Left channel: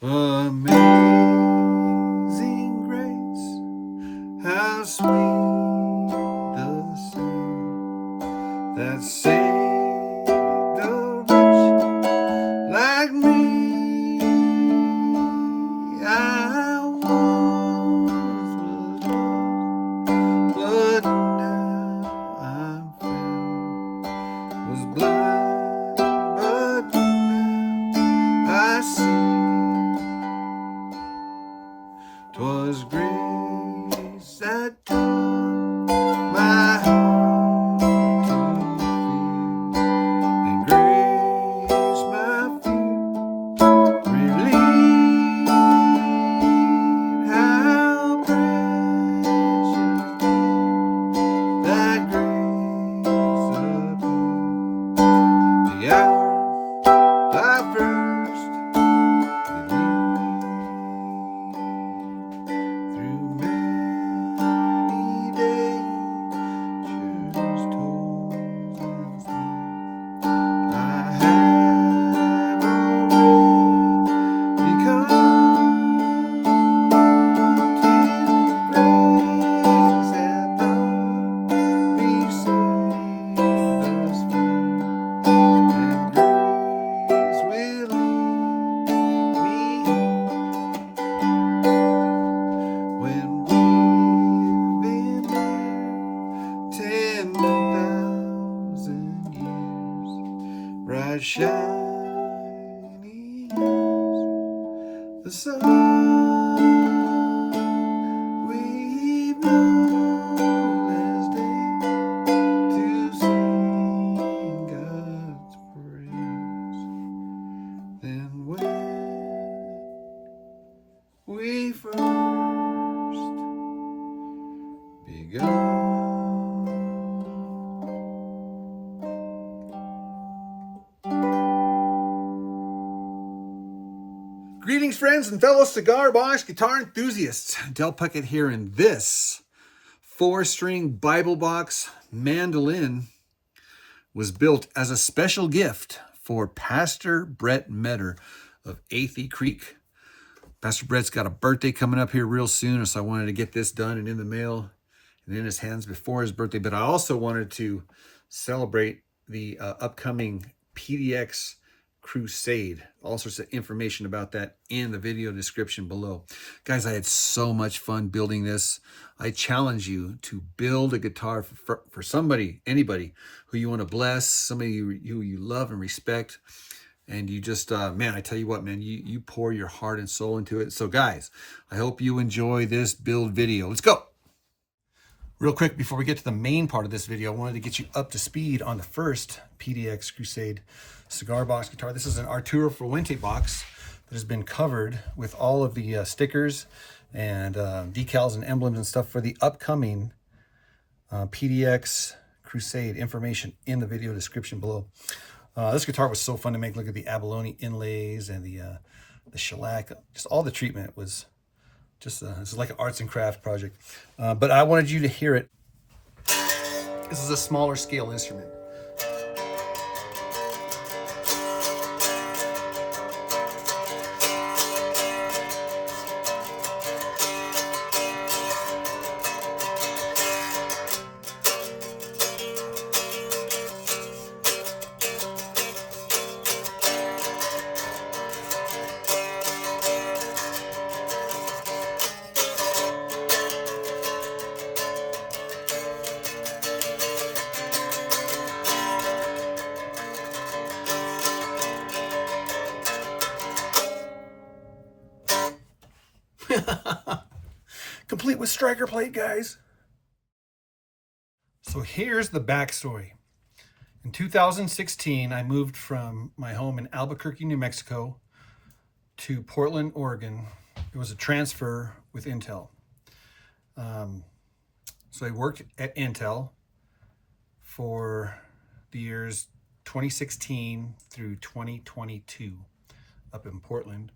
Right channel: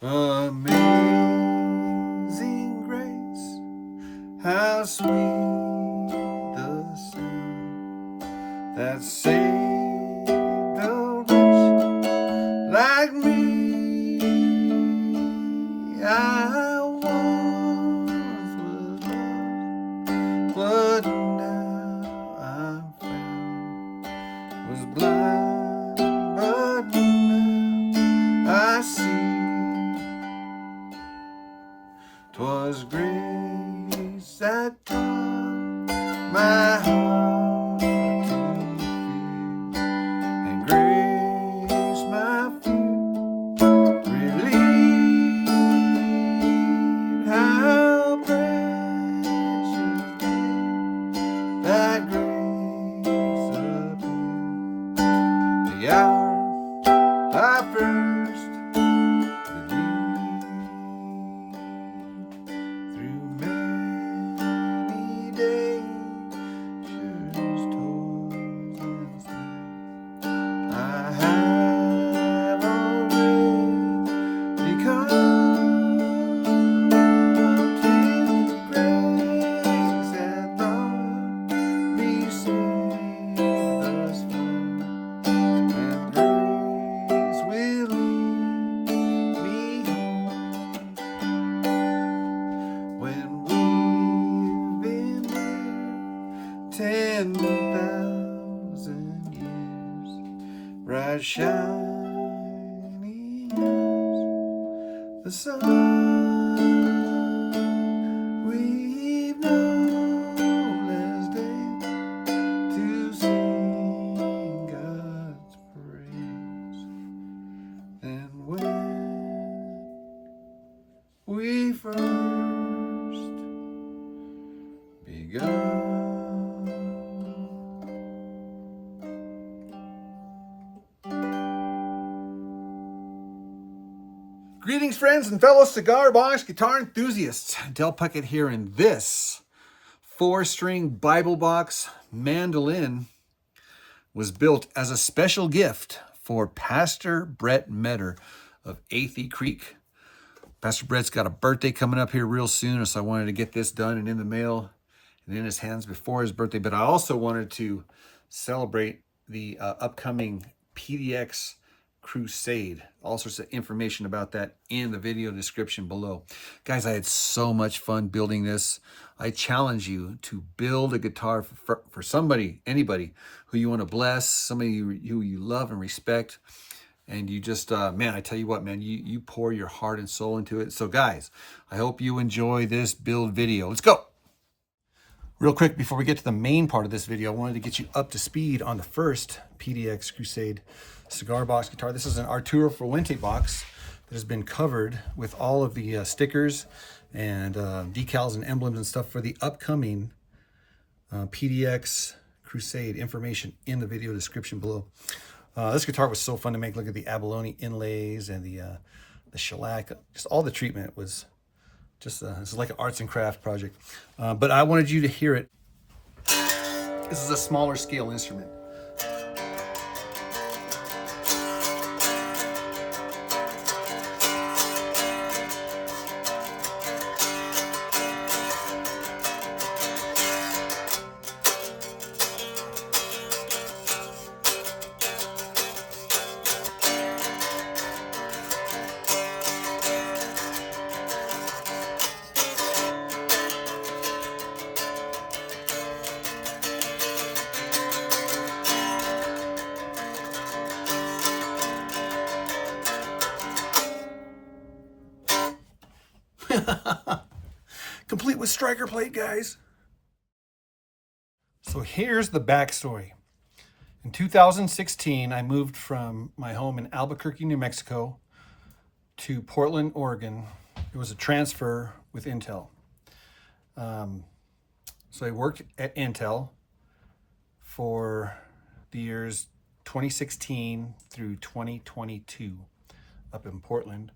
Amazing grace, how sweet the sound that saved a wretch like me. I once was lost, but now I'm found. Was blind, but now I see. 'Twas grace that taught my heart to fear, and grace my fear relieved. How precious did that grace appear, the hour I first bright shining as the sun. We've known last day to sing God's praise. Then when we first begun. Greetings, friends and fellow cigar box guitar enthusiasts. Del Puckett here, and this 4-string Bible box mandolin was built as a special gift for Pastor Brett Meador of Athey Creek. Pastor Brett's got a birthday coming up here real soon, so I wanted to get this done and in the mail and in his hands before his birthday. But I also wanted to celebrate the upcoming PDX Crusade. All sorts of information about that in the video description below. Guys, I had so much fun building this. I challenge you to build a guitar for somebody, anybody who you want to bless, somebody who you love and respect. And you just, man, I tell you what, man, you pour your heart and soul into it. So guys, I hope you enjoy this build video. Let's go. Real quick, before we get to the main part of this video, I wanted to get you up to speed on the first PDX Crusade cigar box guitar. This is an Arturo Fuente box that has been covered with all of the stickers and decals and emblems and stuff for the upcoming PDX Crusade. Information in the video description below. This guitar was so fun to make. Look at the abalone inlays and the shellac. Just all the treatment was just it's like an arts and craft project. But I wanted you to hear it. This is a smaller scale instrument. Complete with striker plate, guys. So here's the backstory. In 2016, I moved from my home in Albuquerque, New Mexico to Portland, Oregon. It was a transfer with Intel. So I worked at Intel for the years 2016 through 2022 up in Portland.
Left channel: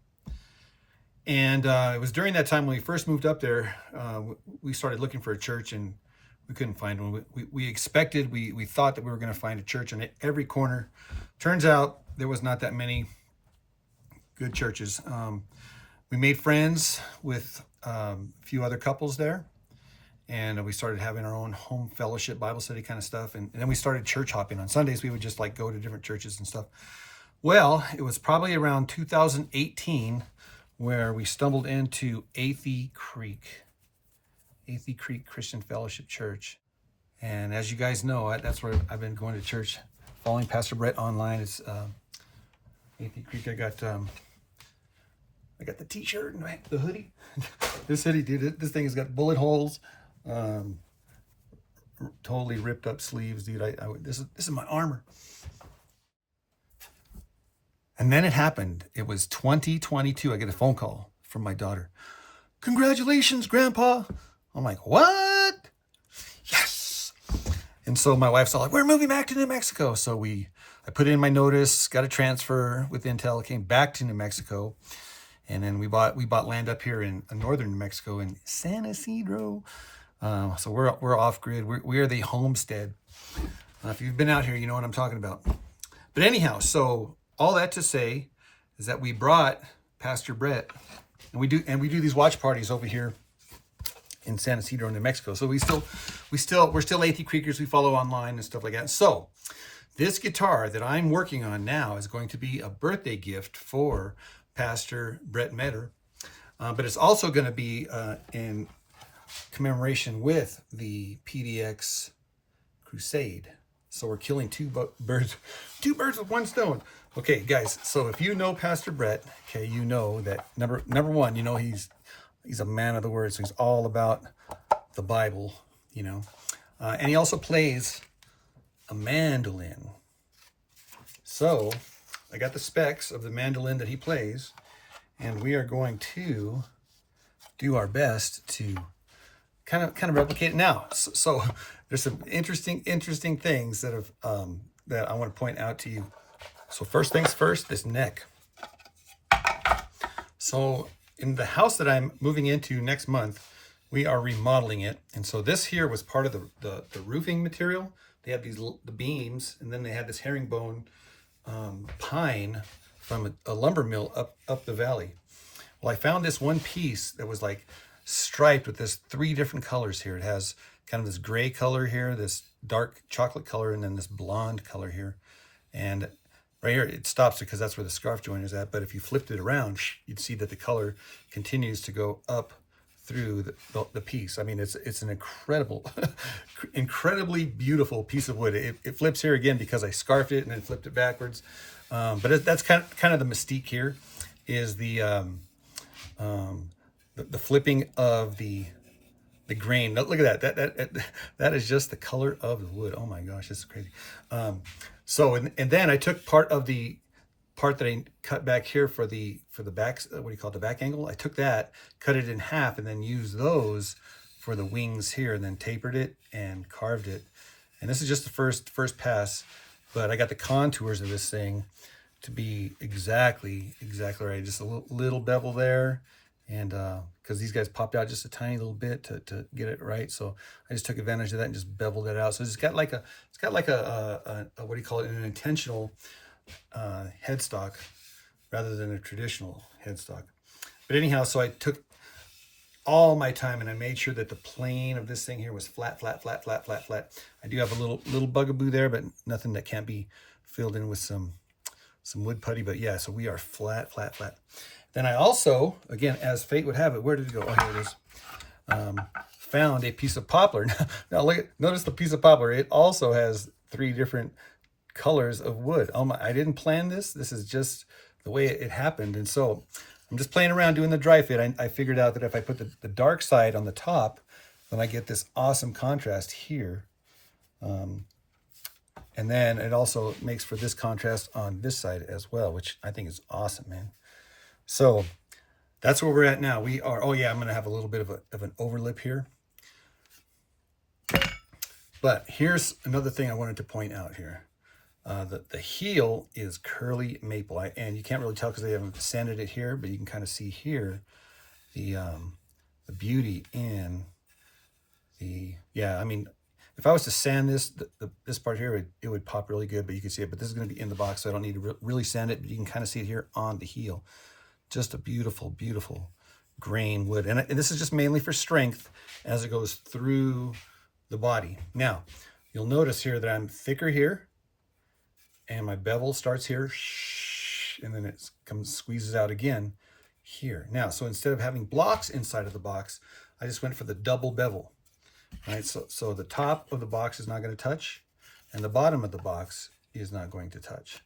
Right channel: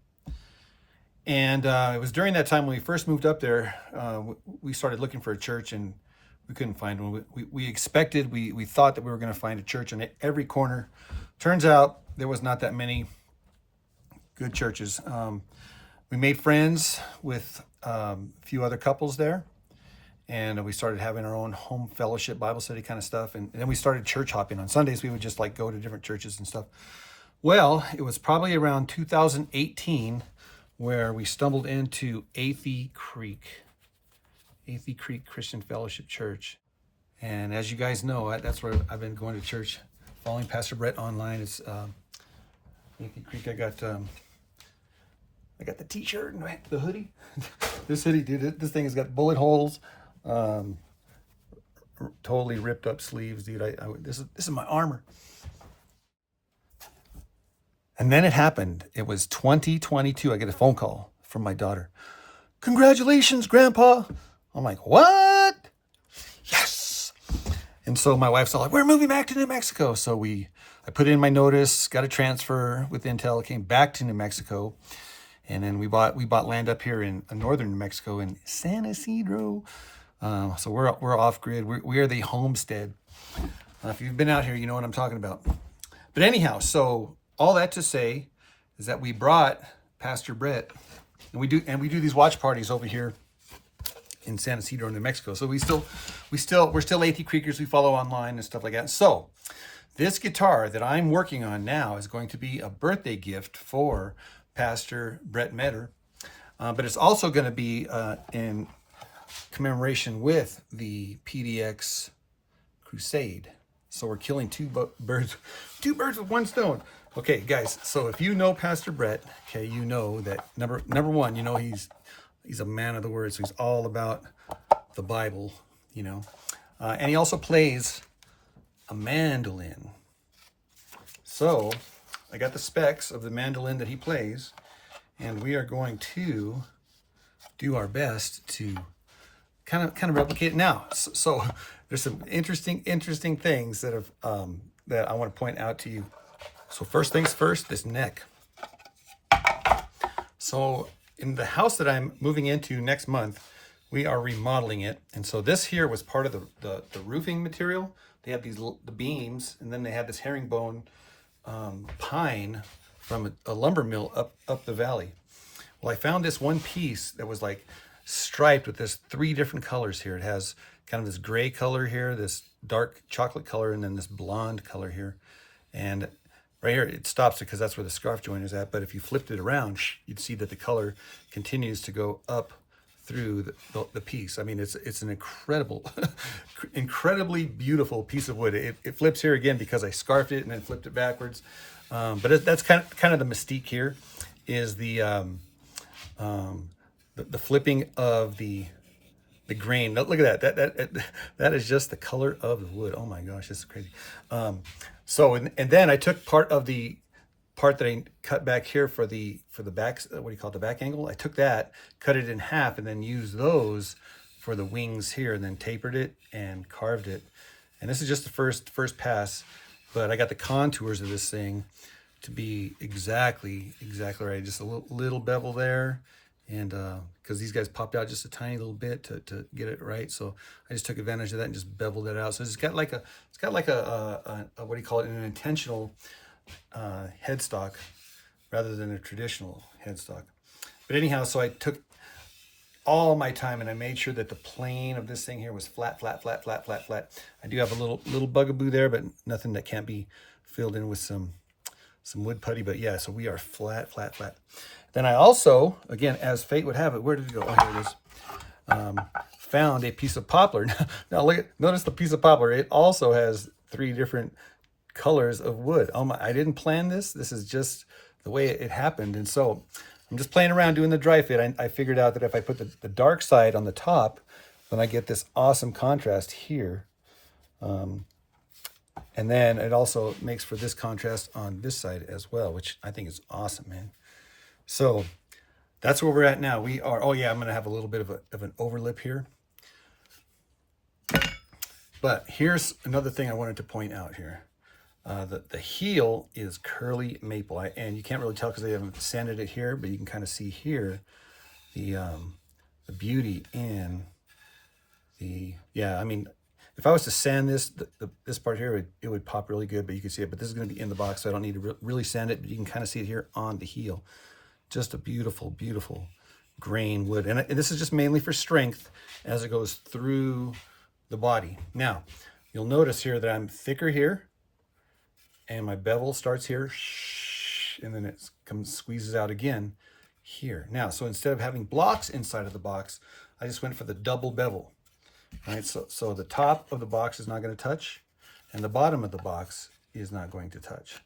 And it was during that time when we first moved up there, we started looking for a church, and we couldn't find one. We thought that we were going to find a church on every corner. Turns out there was not that many good churches. We made friends with a few other couples there, and we started having our own home fellowship Bible study kind of stuff. And then we started church hopping. On Sundays, we would just like go to different churches and stuff. Well, it was probably around 2018 where we stumbled into Athey Creek Christian Fellowship Church. And as you guys know, that's where I've been going to church, following Pastor Brett online. It's Athey Creek. I got the t-shirt and the hoodie. This hoodie, dude, this thing has got bullet holes, totally ripped up sleeves, dude. This is my armor. And then it happened. It was 2022. I get a phone call from my daughter. Congratulations, Grandpa. I'm like, what? Yes. And so my wife's all like, we're moving back to New Mexico. So I put in my notice, got a transfer with Intel, came back to New Mexico. And then we bought land up here in northern New Mexico in San Isidro. So we're off grid. We are the homestead. If you've been out here, you know what I'm talking about. But anyhow, so all that to say is that we brought Pastor Brett, and we do these watch parties over here in San Isidro, New Mexico. So we're still Athey Creekers. We follow online and stuff like that. So this guitar that I'm working on now is going to be a birthday gift for Pastor Brett Meador, but it's also going to be in commemoration with the PDX Crusade. So we're killing two birds with one stone. Okay, guys. So if you know Pastor Brett, okay, you know that number one, you know he's a man of the word. So he's all about the Bible, you know, and he also plays a mandolin. So I got the specs of the mandolin that he plays, and we are going to do our best to kind of replicate it now. So there's some interesting things that I want to point out to you. So first things first, this neck. So in the house that I'm moving into next month, we are remodeling it, and so this here was part of the roofing material. They had the beams, and then they had this herringbone pine from a lumber mill up the valley. Well, I found this one piece that was like striped with this 3 different colors here. It has kind of this gray color here, this dark chocolate color, and then this blonde color here. And right here, it stops because that's where the scarf joint is at. But if you flipped it around, you'd see that the color continues to go up through the piece. I mean, it's an incredibly beautiful piece of wood. It flips here again because I scarfed it and then flipped it backwards. But that's kind of the mystique here, is the flipping of the grain. Look at that is just the color of the wood. Oh my gosh, this is crazy. So and then I took part that I cut back here for the back, what do you call it, the back angle. I took that, cut it in half, and then used those for the wings here, and then tapered it and carved it. And this is just the first pass, but I got the contours of this thing to be exactly right. Just a little bevel there, and because these guys popped out just a tiny little bit to get it right, so I just took advantage of that and just beveled it out. So it's got like a what do you call it, an intentional headstock rather than a traditional headstock. But anyhow, so I took all my time and I made sure that the plane of this thing here was flat. I do have a little bugaboo there, but nothing that can't be filled in with some wood putty. But yeah, so we are flat. Then I also, again, as fate would have it, where did it go? Oh, here it is. Found a piece of poplar. Now notice the piece of poplar. It also has 3 different colors of wood. I didn't plan this. This is just the way it happened. And so I'm just playing around doing the dry fit. I figured out that if I put the dark side on the top, then I get this awesome contrast here. And then it also makes for this contrast on this side as well, which I think is awesome, man. So that's where we're at now. We are, oh yeah, I'm going to have a little bit of an overlip here. But here's another thing I wanted to point out here. The heel is curly maple, and you can't really tell because they haven't sanded it here, but you can kind of see here the beauty in the, yeah, I mean, If I was to sand this, this part here, it would pop really good, but you can see it. But this is going to be in the box, so I don't need to really sand it. But you can kind of see it here on the heel. Just a beautiful, beautiful grain wood. And this is just mainly for strength as it goes through the body. Now, you'll notice here that I'm thicker here, and my bevel starts here, and then it squeezes out again here. Now, so instead of having blocks inside of the box, I just went for the double bevel. Right, so the top of the box is not going to touch, and the bottom of the box is not going to touch.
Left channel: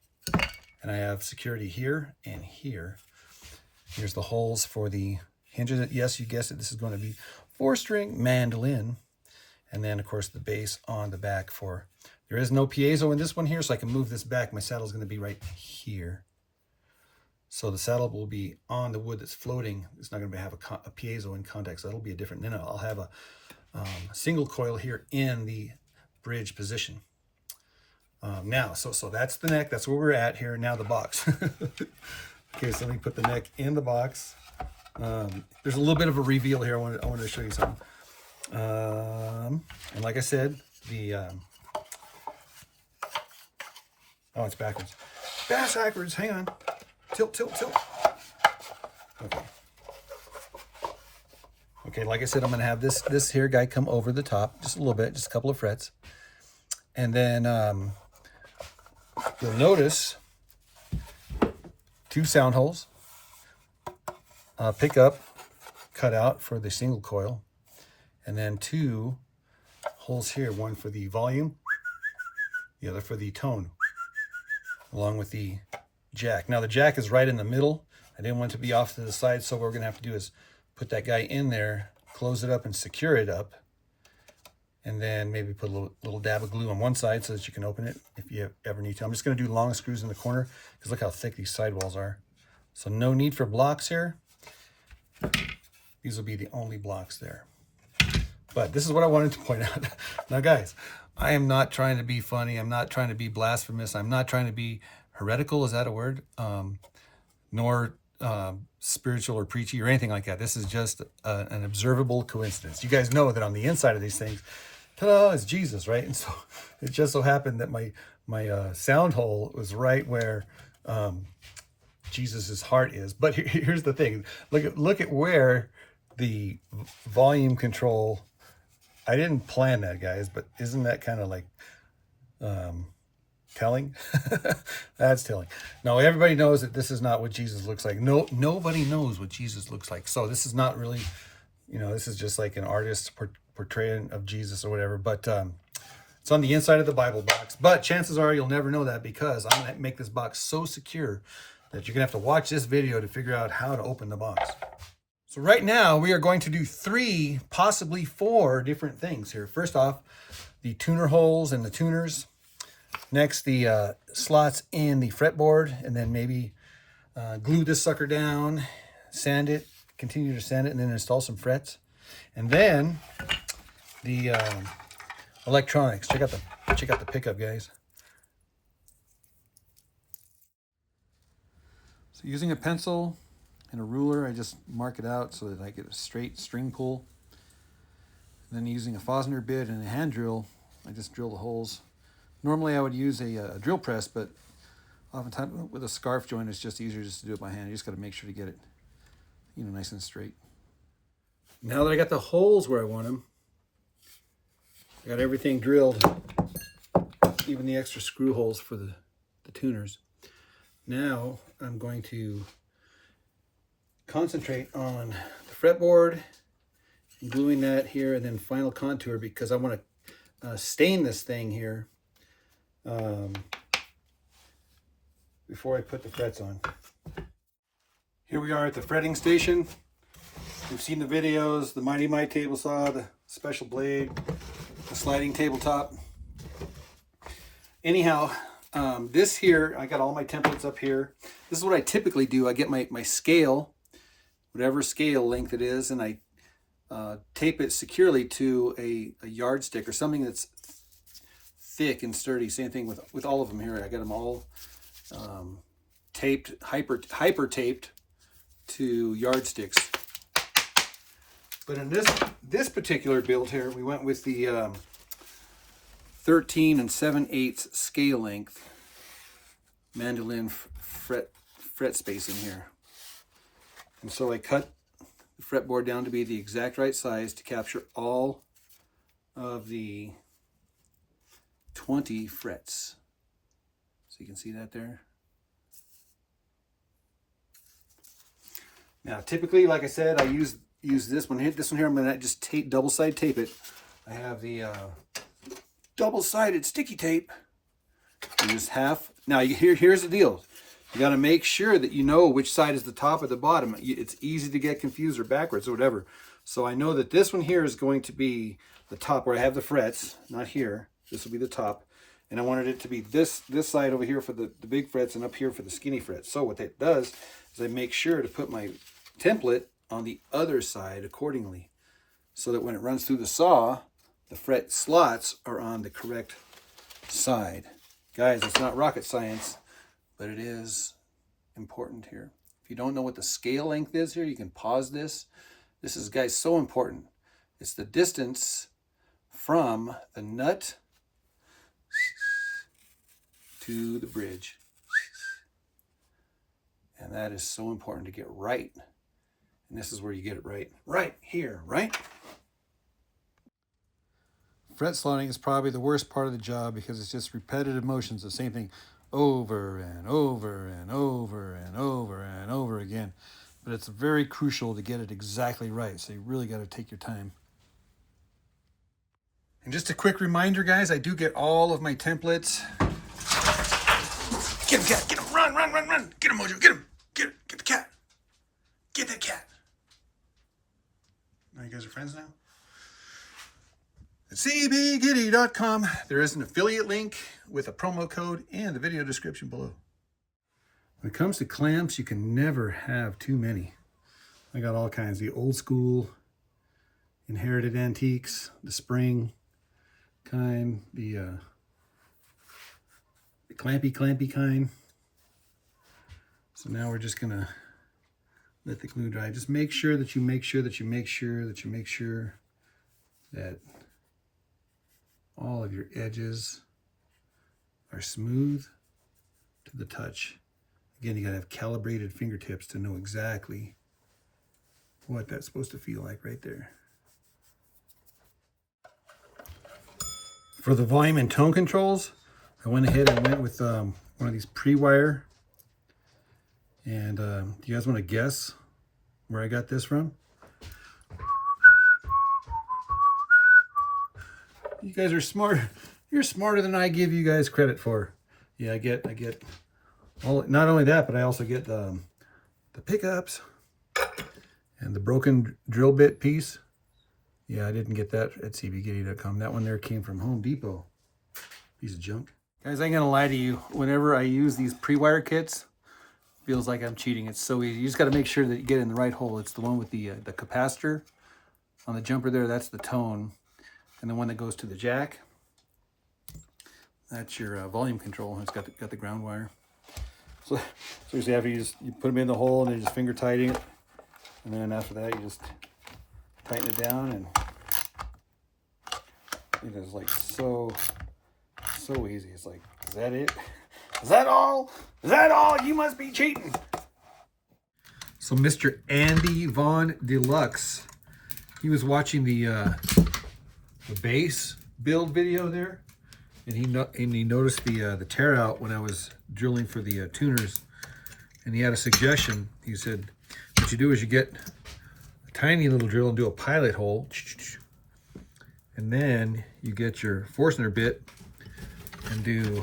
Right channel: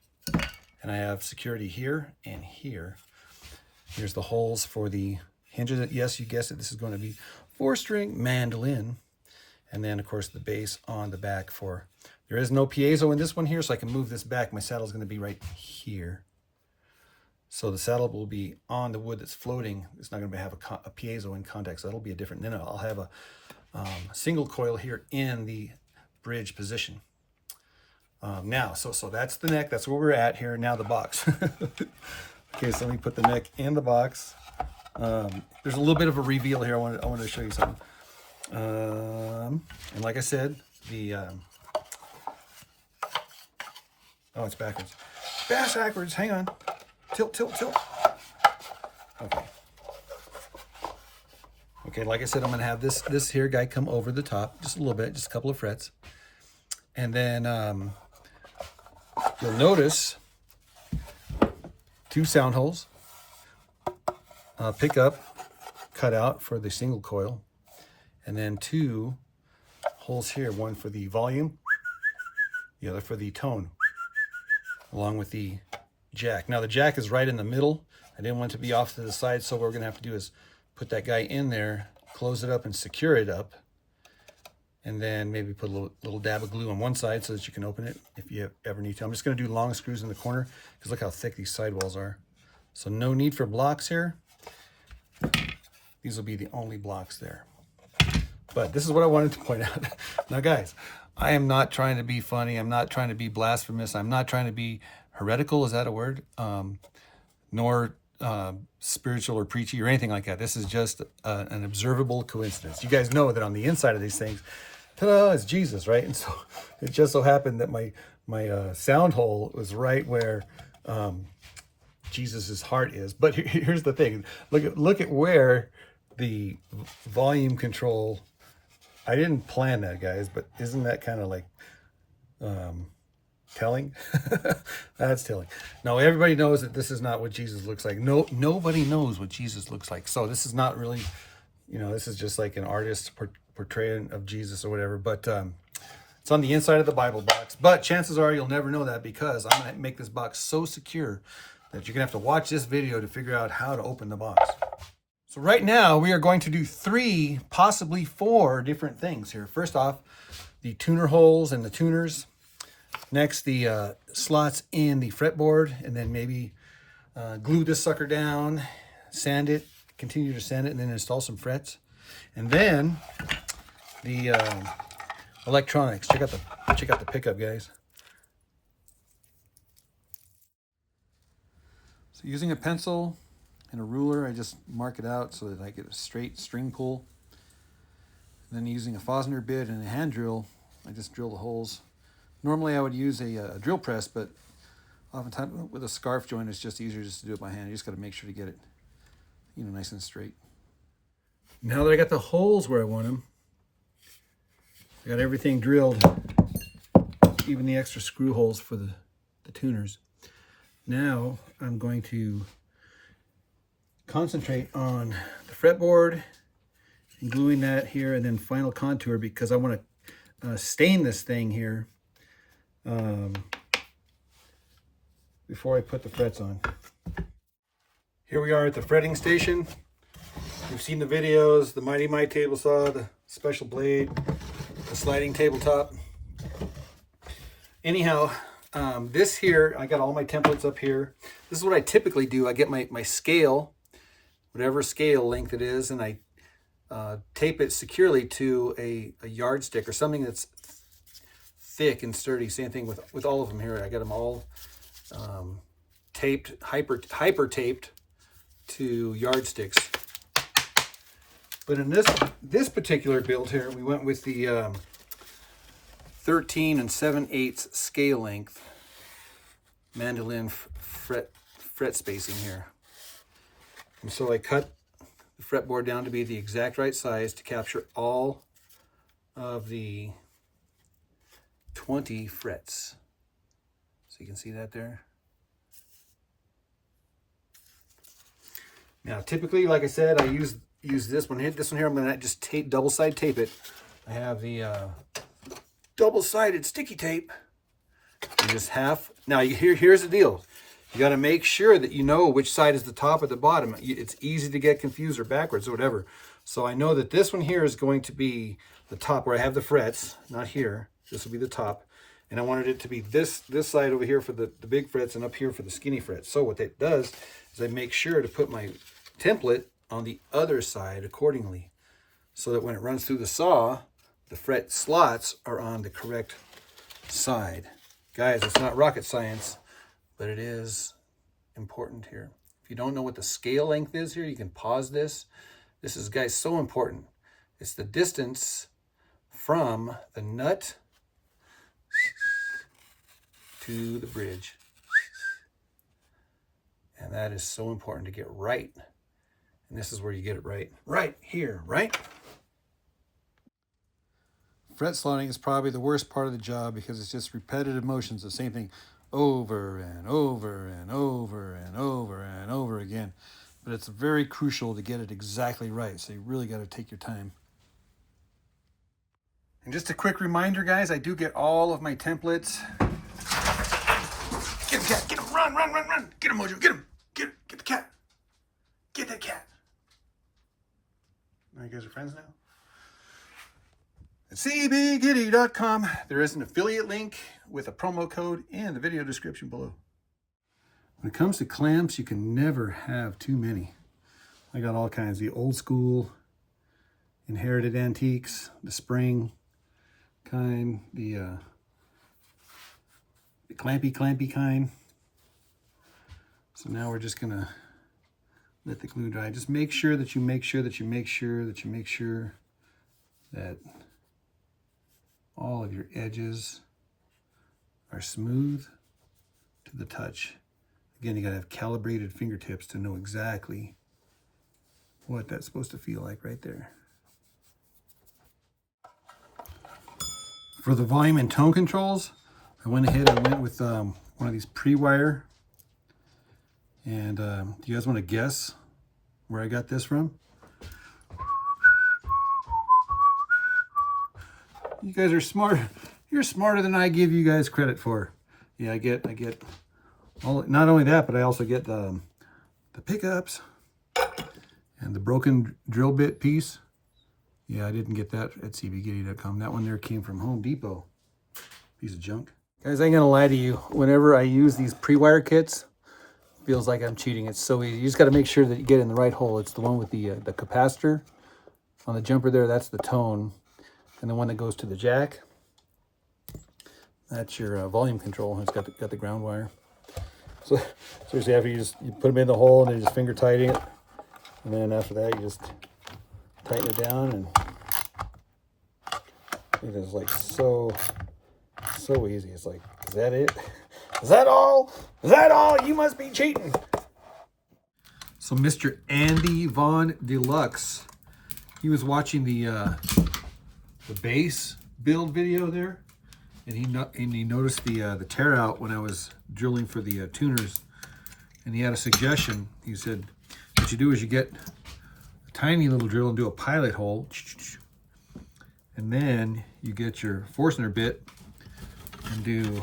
And I have security here and here. Here's the holes for the hinges. Yes, you guessed it, this is going to be 4-string mandolin. And then, of course, the base on the back for, there is no piezo in this one here, so I can move this back. My saddle is going to be right here. So the saddle will be on the wood that's floating. It's not going to have a piezo in contact, so that'll be a different. Then I'll have a single coil here in the bridge position. Now, so that's the neck. That's where we're at here. Now the box. Okay, so let me put the neck in the box. There's a little bit of a reveal here. I wanted to show you something. And like I said, oh, it's backwards. Backwards. Hang on. Tilt. Okay. Okay, like I said, I'm going to have this here guy come over the top just a little bit, just a couple of frets. And then you'll notice 2 sound holes, pickup cut out for the single coil, and then 2 holes here, one for the volume, the other for the tone, along with the jack. Now the jack is right in the middle. I didn't want it to be off to the side, so what we're going to have to do is put that guy in there, close it up and secure it up, and then maybe put a little dab of glue on one side so that you can open it if you ever need to. I'm just going to do long screws in the corner because look how thick these sidewalls are. So no need for blocks here. These will be the only blocks there. But this is what I wanted to point out. Now guys, I am not trying to be funny. I'm not trying to be blasphemous. I'm not trying to be heretical. Is that a word? Nor spiritual or preachy or anything like that. This is just an observable coincidence. You guys know that on the inside of these things, ta-da, it's Jesus, right? And so it just so happened that my sound hole was right where Jesus's heart is. But here's the thing: look at where the volume control. I didn't plan that, guys, but isn't that kind of like telling? That's telling. No, everybody knows that this is not what Jesus looks like. Nobody knows what Jesus looks like. So this is not really, this is just like an artist's portrayal of Jesus or whatever. But it's on the inside of the Bible box. But chances are you'll never know that because I'm going to make this box so secure that you're going to have to watch this video to figure out how to open the box. So right now we are going to do 3, possibly 4 different things here. First off, the tuner holes and the tuners. Next, the slots in the fretboard, and then maybe glue this sucker down, sand it, continue to sand it, and then install some frets. And then the electronics. Check out the pickup, guys. So using a pencil and a ruler, I just mark it out so that I get a straight string pull. And then using a Fosner bit and a hand drill, I just drill the holes. Normally I would use a drill press, but oftentimes with a scarf joint, it's just easier just to do it by hand. You just got to make sure to get it, nice and straight. Now that I got the holes where I want them, I got everything drilled, even the extra screw holes for the tuners. Now I'm going to concentrate on the fretboard and gluing that here, and then final contour because I want to stain this thing here before I put the frets on. Here we are at the fretting station. You've seen the videos, the Mighty Might table saw, the special blade, the sliding tabletop. Anyhow, this here, I got all my templates up here. This is what I typically do. I get my scale, whatever scale length it is, and I tape it securely to a yardstick or something that's thick and sturdy. Same thing with all of them here. I got them all taped, hyper taped to yardsticks. But in this particular build here, we went with the 13 7/8 scale length mandolin fret spacing here. And so I cut the fretboard down to be the exact right size to capture all of the 20 frets. So you can see that there. Now, typically, like I said, I use this one. This one here, I'm going to just double-side tape it. I have the double-sided sticky tape. You just half. Now, here's the deal. You got to make sure that you know which side is the top or the bottom. It's easy to get confused or backwards or whatever. So I know that this one here is going to be the top where I have the frets, not here. This will be the top. And I wanted it to be this side over here for the big frets and up here for the skinny frets. So what that does is I make sure to put my template on the other side accordingly, so that when it runs through the saw, the fret slots are on the correct side. Guys, it's not rocket science, but it is important here. If you don't know what the scale length is here, you can pause this. This is, guys, so important. It's the distance from the nut to the bridge. And that is so important to get right. And this is where you get it right. Right here, right? Fret slotting is probably the worst part of the job because it's just repetitive motions, the same thing over and over and over and over and over again. But it's very crucial to get it exactly right, so you really got to take your time. And just a quick reminder, guys, I do get all of my templates. Get him, cat, get him, run, run, run, run. Get him, Mojo, get him, get the cat. Get that cat. Now you guys are friends now? At cbgiddy.com, there is an affiliate link with a promo code in the video description below. When it comes to clamps, you can never have too many. I got all kinds, the old school, inherited antiques, the spring kind, the clampy kind. So now we're just gonna let the glue dry. Just make sure that you make sure that all of your edges are smooth to the touch. Again, you gotta have calibrated fingertips to know exactly what that's supposed to feel like right there. For the volume and tone controls, I went with one of these pre-wire. And do you guys want to guess where I got this from? You guys are smart. You're smarter than I give you guys credit for. Yeah, I get all, not only that, but I also get the pickups and the broken drill bit piece. Yeah, I didn't get that at cbgiddy.com. That one there came from Home Depot. Piece of junk. Guys, I ain't gonna lie to you. Whenever I use these pre-wire kits, it feels like I'm cheating. It's so easy. You just got to make sure that you get in the right hole. It's the one with the capacitor on the jumper there. That's the tone, and the one that goes to the jack, that's your volume control. It's got the ground wire. So seriously, after you put them in the hole and then you just finger tighten it, and then after that you just tighten it down, and it is like so easy. It's like, is that it? Is that all? Is that all? You must be cheating. So Mr. Andy Von Deluxe, he was watching the base build video there, and he noticed the tear out when I was drilling for the tuners, and he had a suggestion. He said, what you do is you get a tiny little drill and do a pilot hole, and then you get your Forstner bit and do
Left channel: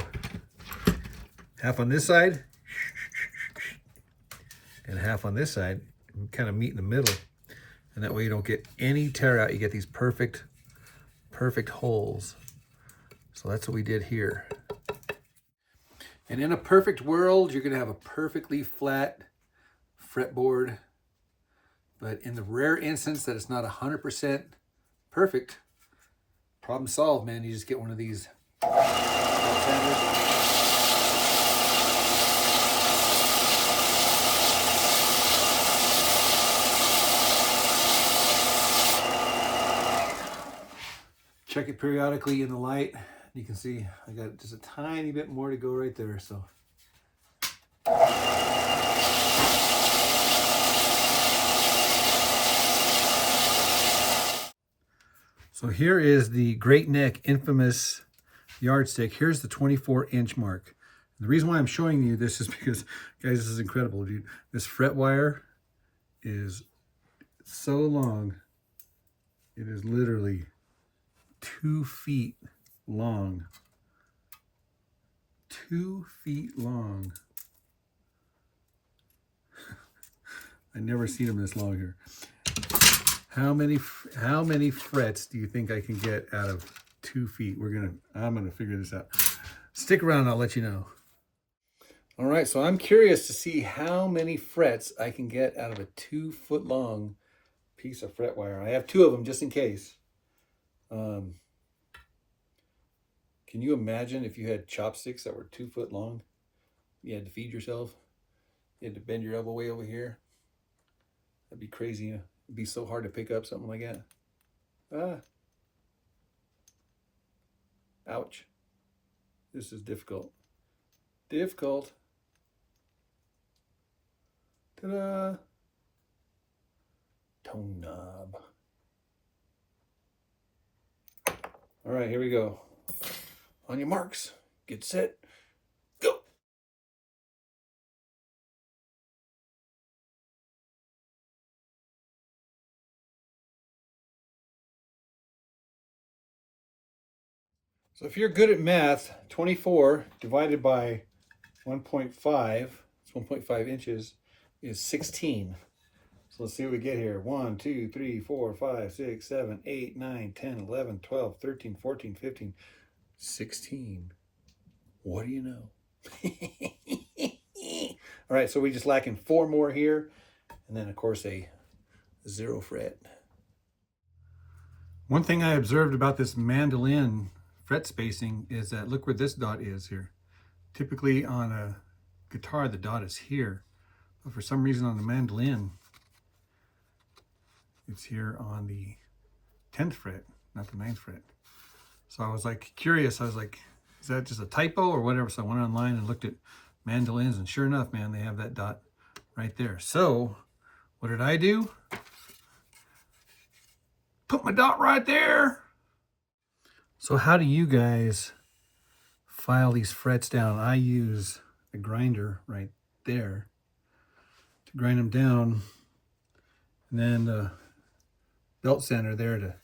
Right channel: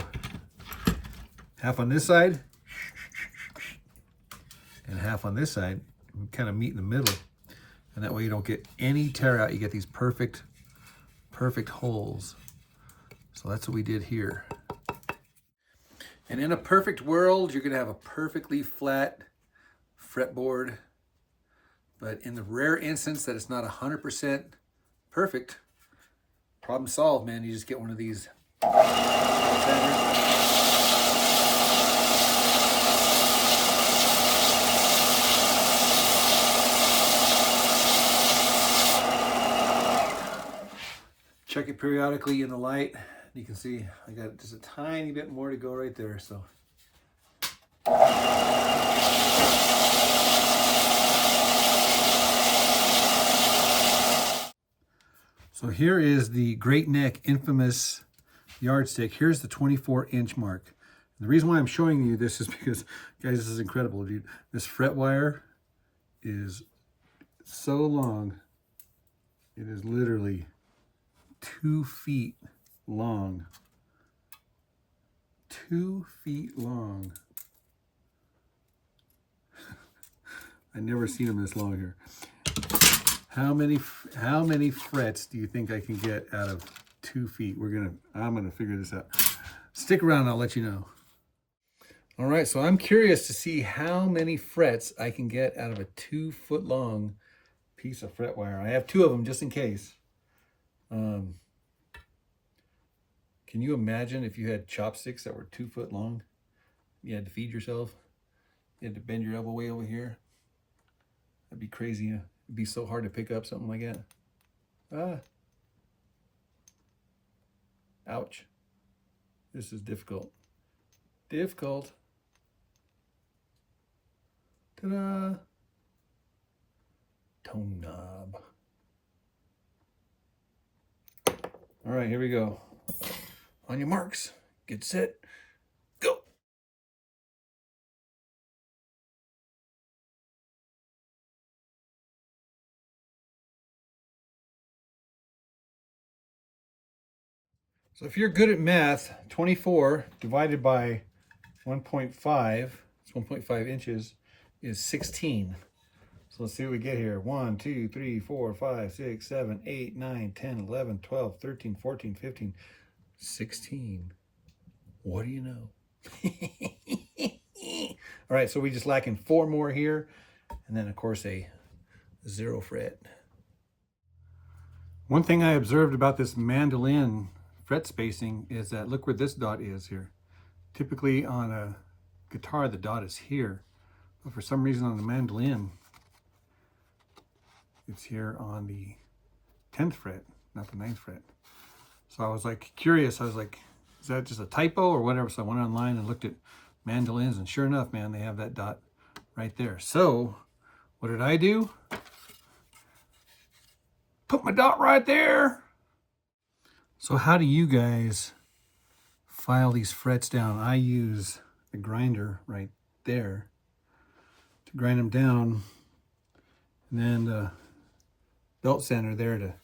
half on this side and half on this side, and kind of meet in the middle, and that way you don't get any tear out. You get these perfect holes. So that's what we did here. And in a perfect world, you're gonna have a perfectly flat fretboard, but in the rare instance that it's not 100% perfect, problem solved, man. You just get one of these check it periodically in the light, You can see I got just a tiny bit more to go right there. So here is the Great Neck infamous yardstick. Here's the 24-inch mark. And the reason why I'm showing you this is because, guys, this is incredible, dude. This fret wire is so long. It is literally 2 feet long. 2 feet long. I never seen them this long here. How many frets do you think I can get out of 2 feet? I'm gonna figure this out. Stick around, I'll let you know. All right, so I'm curious to see how many frets I can get out of a 2 foot long piece of fret wire. I have 2 of them just in case. Can you imagine if you had chopsticks that were 2 foot long? You had to feed yourself. You had to bend your elbow way over here. That'd be crazy. It'd be so hard to pick up something like that. Ouch. This is difficult. Difficult. Ta-da. Tone knob. All right, here we go. On your marks, get set, go. So if you're good at math, 24 divided by 1.5, it's 1.5 inches, is 16. So let's see what we get here. 1, 2, 3, 4, 5, 6, 7, 8, 9, 10, 11, 12, 13, 14, 15, 16. What do you know? All right, so we just lacking 4 more here. And then, of course, a 0 fret. One thing I observed about this mandolin fret spacing is that look where this dot is here. Typically on a guitar, the dot is here. But for some reason on the mandolin, it's here on the 10th fret, not the 9th fret. So I was like curious. I was like, is that just a typo or whatever? So I went online and looked at mandolins, and sure enough, man, they have that dot right there. So what did I do? Put my dot right there. So how do you guys file these frets down? I use the grinder right there to grind them down, and then the belt sander there to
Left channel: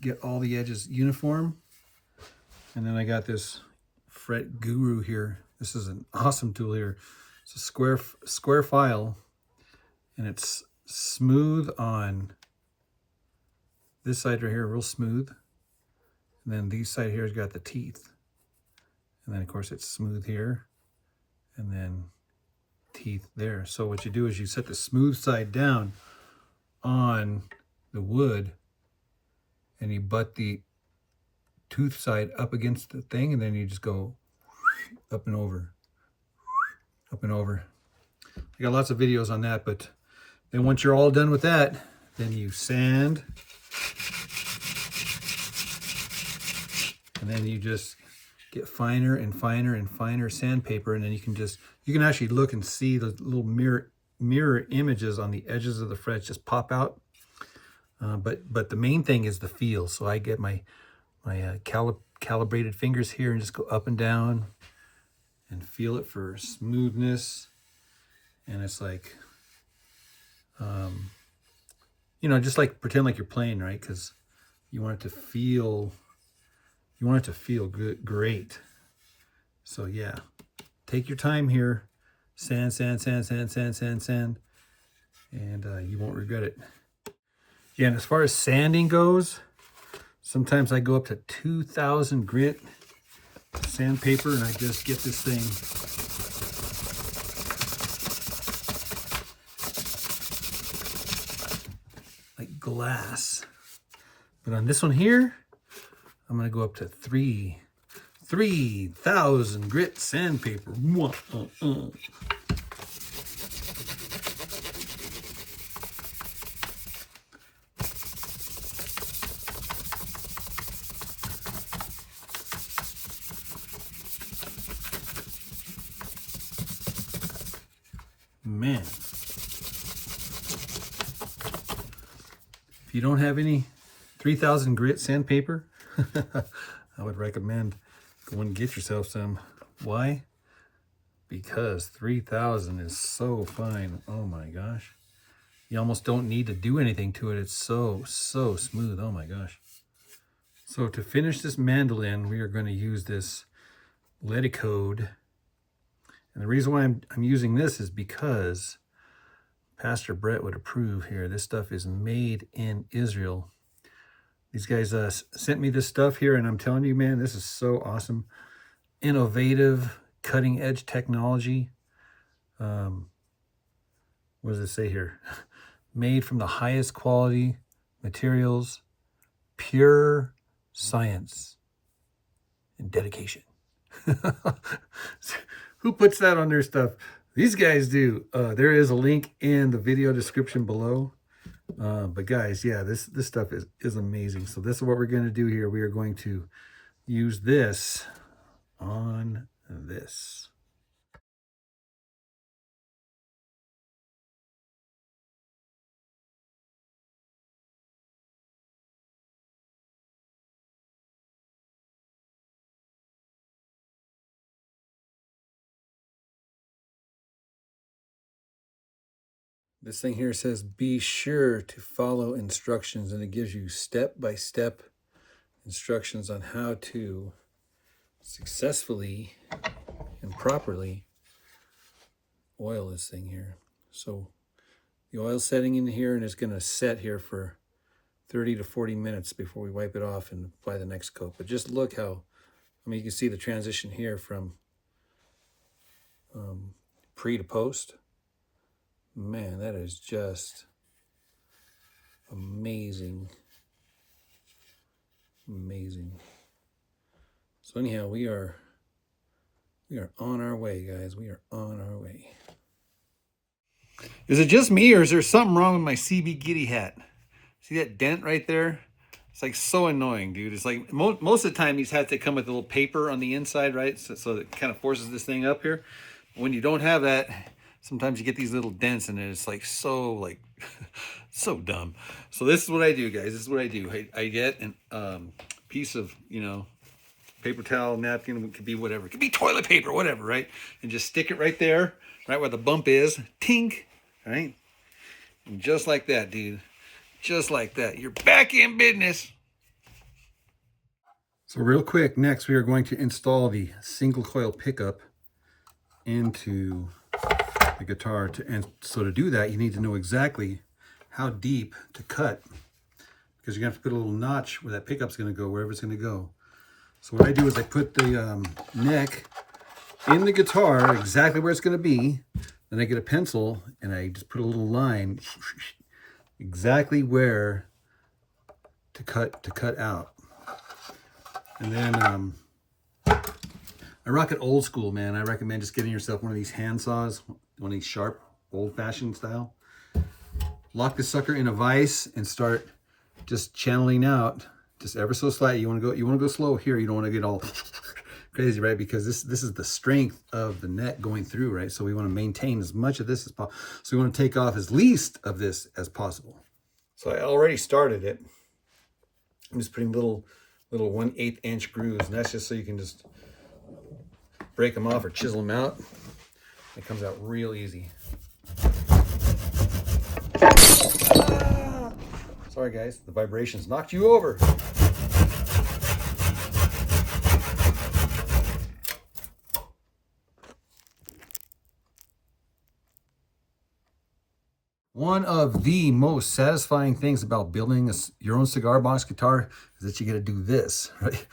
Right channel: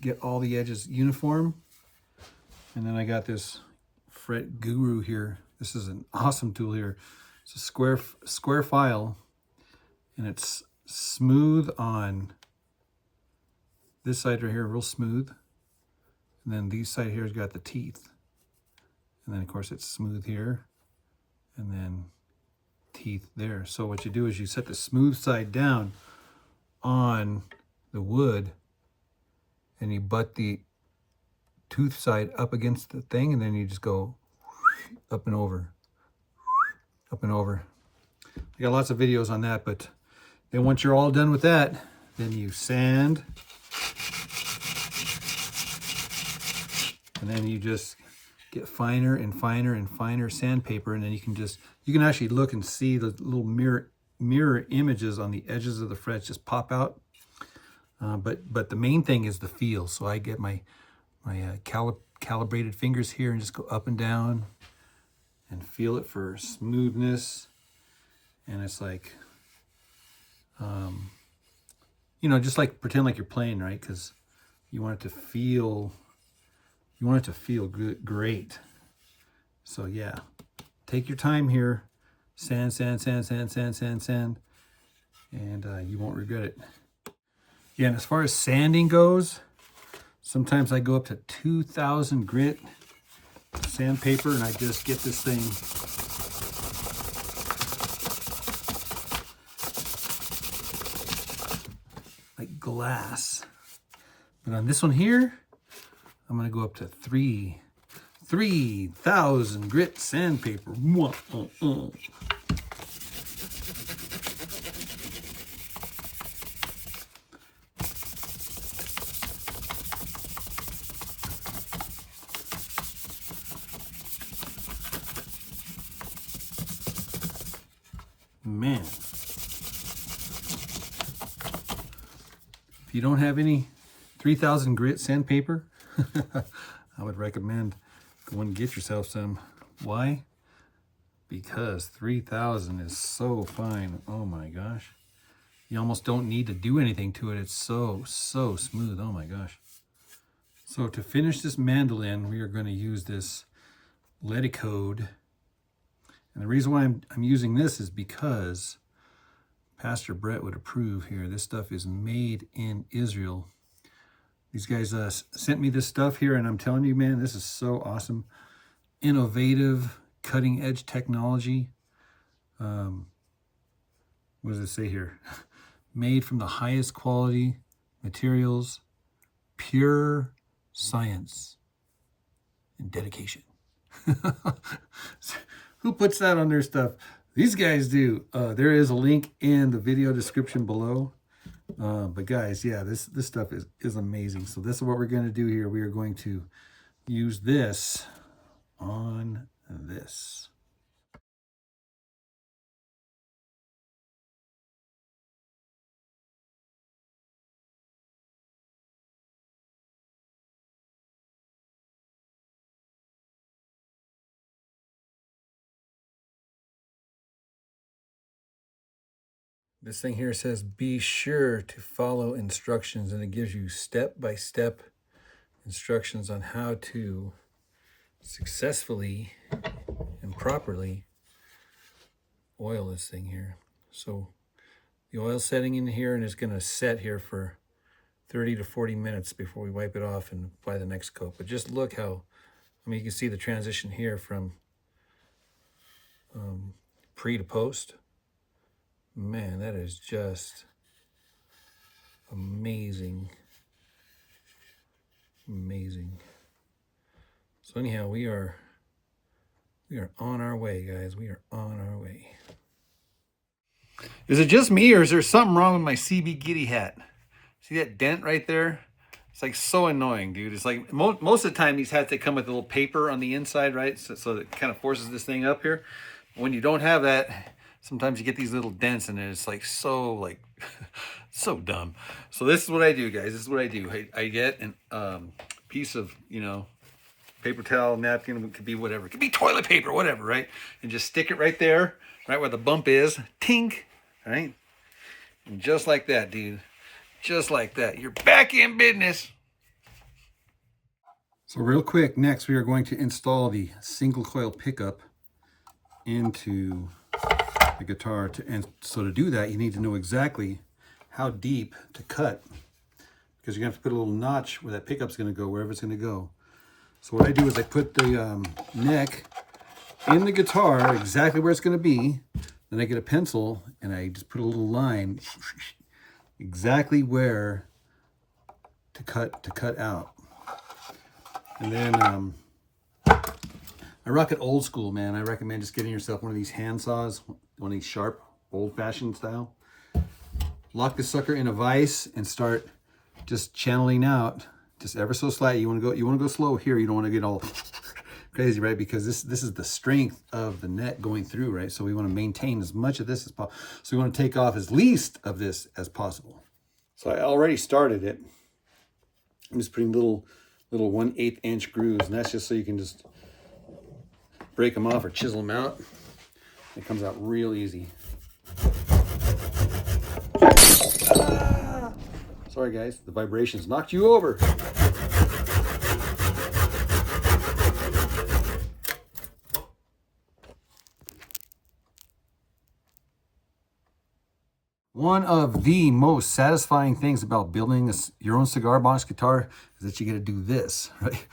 get all the edges uniform. And then I got this fret guru here. This is an awesome tool here. It's a square file, and it's smooth on this side right here, real smooth. And then these side here has got the teeth. And then of course it's smooth here, and then teeth there. So what you do is you set the smooth side down on the wood, and you butt the tooth side up against the thing, and then you just go up and over, up and over. I got lots of videos on that, but then once you're all done with that, then you sand, and then you just get finer and finer and finer sandpaper, and then you can actually look and see the little mirror images on the edges of the frets just pop out. But the main thing is the feel. So I get my calibrated fingers here and just go up and down and feel it for smoothness. And it's like, you know, just like pretend like you're playing, right? Because you want it to feel, good, great. So yeah, take your time here. Sand, sand, sand, sand, sand, sand, sand. And you won't regret it. Yeah, and as far as sanding goes, sometimes I go up to 2,000 grit sandpaper, and I just get this thing like glass. But on this one here, I'm gonna go up to 3,000 grit sandpaper. man. If you don't have any 3000 grit sandpaper, I would recommend go and get yourself some. Why? Because 3000 is so fine. Oh my gosh. You almost don't need to do anything to it. It's so smooth. Oh my gosh. So to finish this mandolin, we are going to use this Leticode. And the reason why I'm using this is because Pastor Brett would approve here. This stuff is made in Israel. These guys sent me this stuff here, and I'm telling you, man, this is so awesome. Innovative, cutting edge technology. What does it say here? Made from the highest quality materials, pure science and dedication. Who puts that on their stuff? These guys do. There is a link in the video description below. But guys, yeah, this stuff is amazing. So this is what we're going to do here. We are going to use this on this. This thing here says, be sure to follow instructions, and it gives you step-by-step instructions on how to successfully and properly oil this thing here. So the oil setting in here, and it's going to set here for 30 to 40 minutes before we wipe it off and apply the next coat. But just look how, I mean, you can see the transition here from pre to post. Man, that is just amazing. Amazing. So anyhow, we are on our way, guys. We are on our way. Is it just me, or is there something wrong with my CB Giddy hat? See that dent right there? It's like so annoying, dude. It's like most of the time these hats, they come with a little paper on the inside, right? So it kind of forces this thing up here. When you don't have that, sometimes you get these little dents, and it's like so so dumb. So this is what I do, guys. This is what I do. I get a piece of, you know, paper towel, napkin, it could be whatever. It could be toilet paper, whatever, right? And just stick it right there, right where the bump is. Tink, right? And just like that, dude. Just like that. You're back in business. So real quick, next we are going to install the single coil pickup into the guitar. And so to do that, you need to know exactly how deep to cut, because you're going to have to put a little notch where that pickup's going to go, wherever it's going to go. So what I do is I put the neck in the guitar exactly where it's going to be. Then I get a pencil and I just put a little line exactly where to cut out. And then I rock it old school, man. I recommend just getting yourself one of these hand saws, one of these sharp, old-fashioned style. Lock the sucker in a vise and start just channeling out, just ever so slightly. You want to go slow here. You don't want to get all crazy, right? Because this is the strength of the neck going through, right? So we want to maintain as much of this as possible. So we want to take off as least of this as possible. So I already started it. I'm just putting little 1/8 inch grooves, and that's just so you can just break them off or chisel them out. It comes out real easy. Sorry guys, the vibrations knocked you over. One of the most satisfying things about building your own cigar box guitar is that you get to do this, right?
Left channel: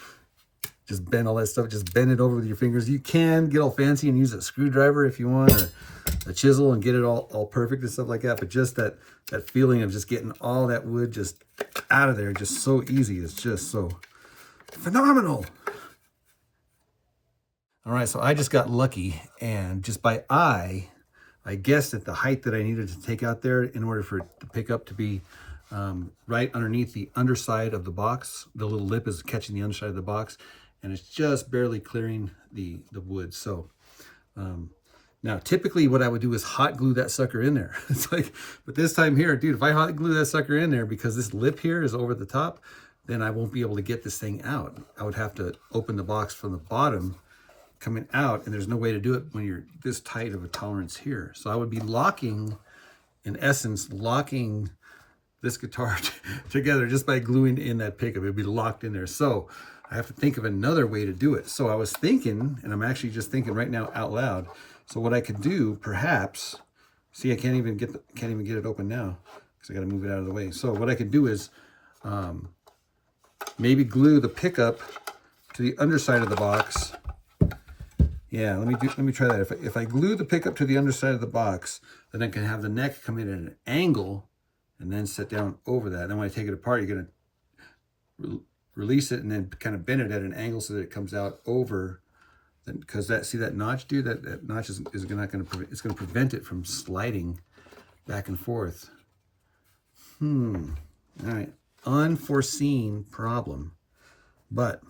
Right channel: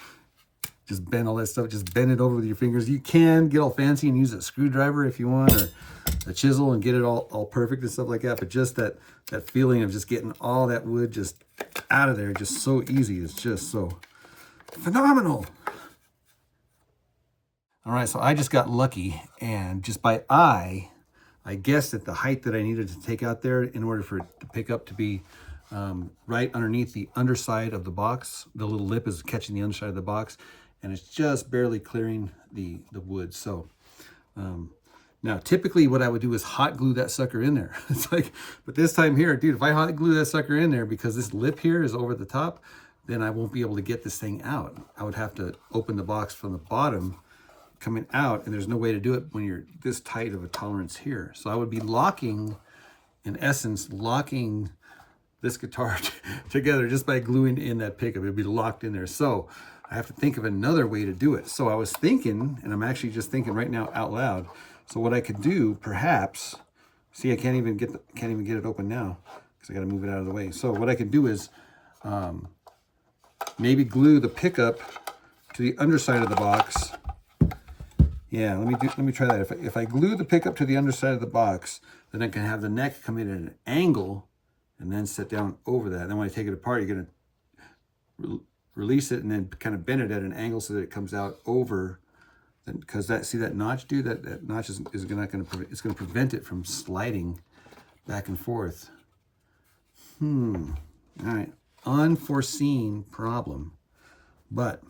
Just bend all that stuff, just bend it over with your fingers. You can get all fancy and use a screwdriver if you want, or a chisel, and get it all perfect and stuff like that. But just that feeling of just getting all that wood just out of there, just so easy. It's just so phenomenal. All right, so I just got lucky, and just by eye, I guessed at the height that I needed to take out there in order for the pickup to be right underneath the underside of the box. The little lip is catching the underside of the box, and it's just barely clearing the wood. So now Now, typically what I would do is hot glue that sucker in there. It's like, but this time here, dude, if I hot glue that sucker in there because this lip here is over the top, then I won't be able to get this thing out. I would have to open the box from the bottom coming out, and there's no way to do it when you're this tight of a tolerance here. So I would be locking, in essence, locking this guitar together just by gluing in that pickup. It'd be locked in there. So I have to think of another way to do it. So I was thinking, and I'm actually just thinking right now out loud. So what I could do, perhaps, see, I can't even get it open now because I got to move it out of the way. So what I could do is maybe glue the pickup to the underside of the box. Yeah, let me try that. If I glue the pickup to the underside of the box, then I can have the neck come in at an angle and then sit down over that. And then when I take it apart, you're gonna release it and then kind of bend it at an angle so that it comes out over. Because see that notch, dude, that notch is not going to, it's going to prevent it from sliding back and forth. All right, unforeseen problem. But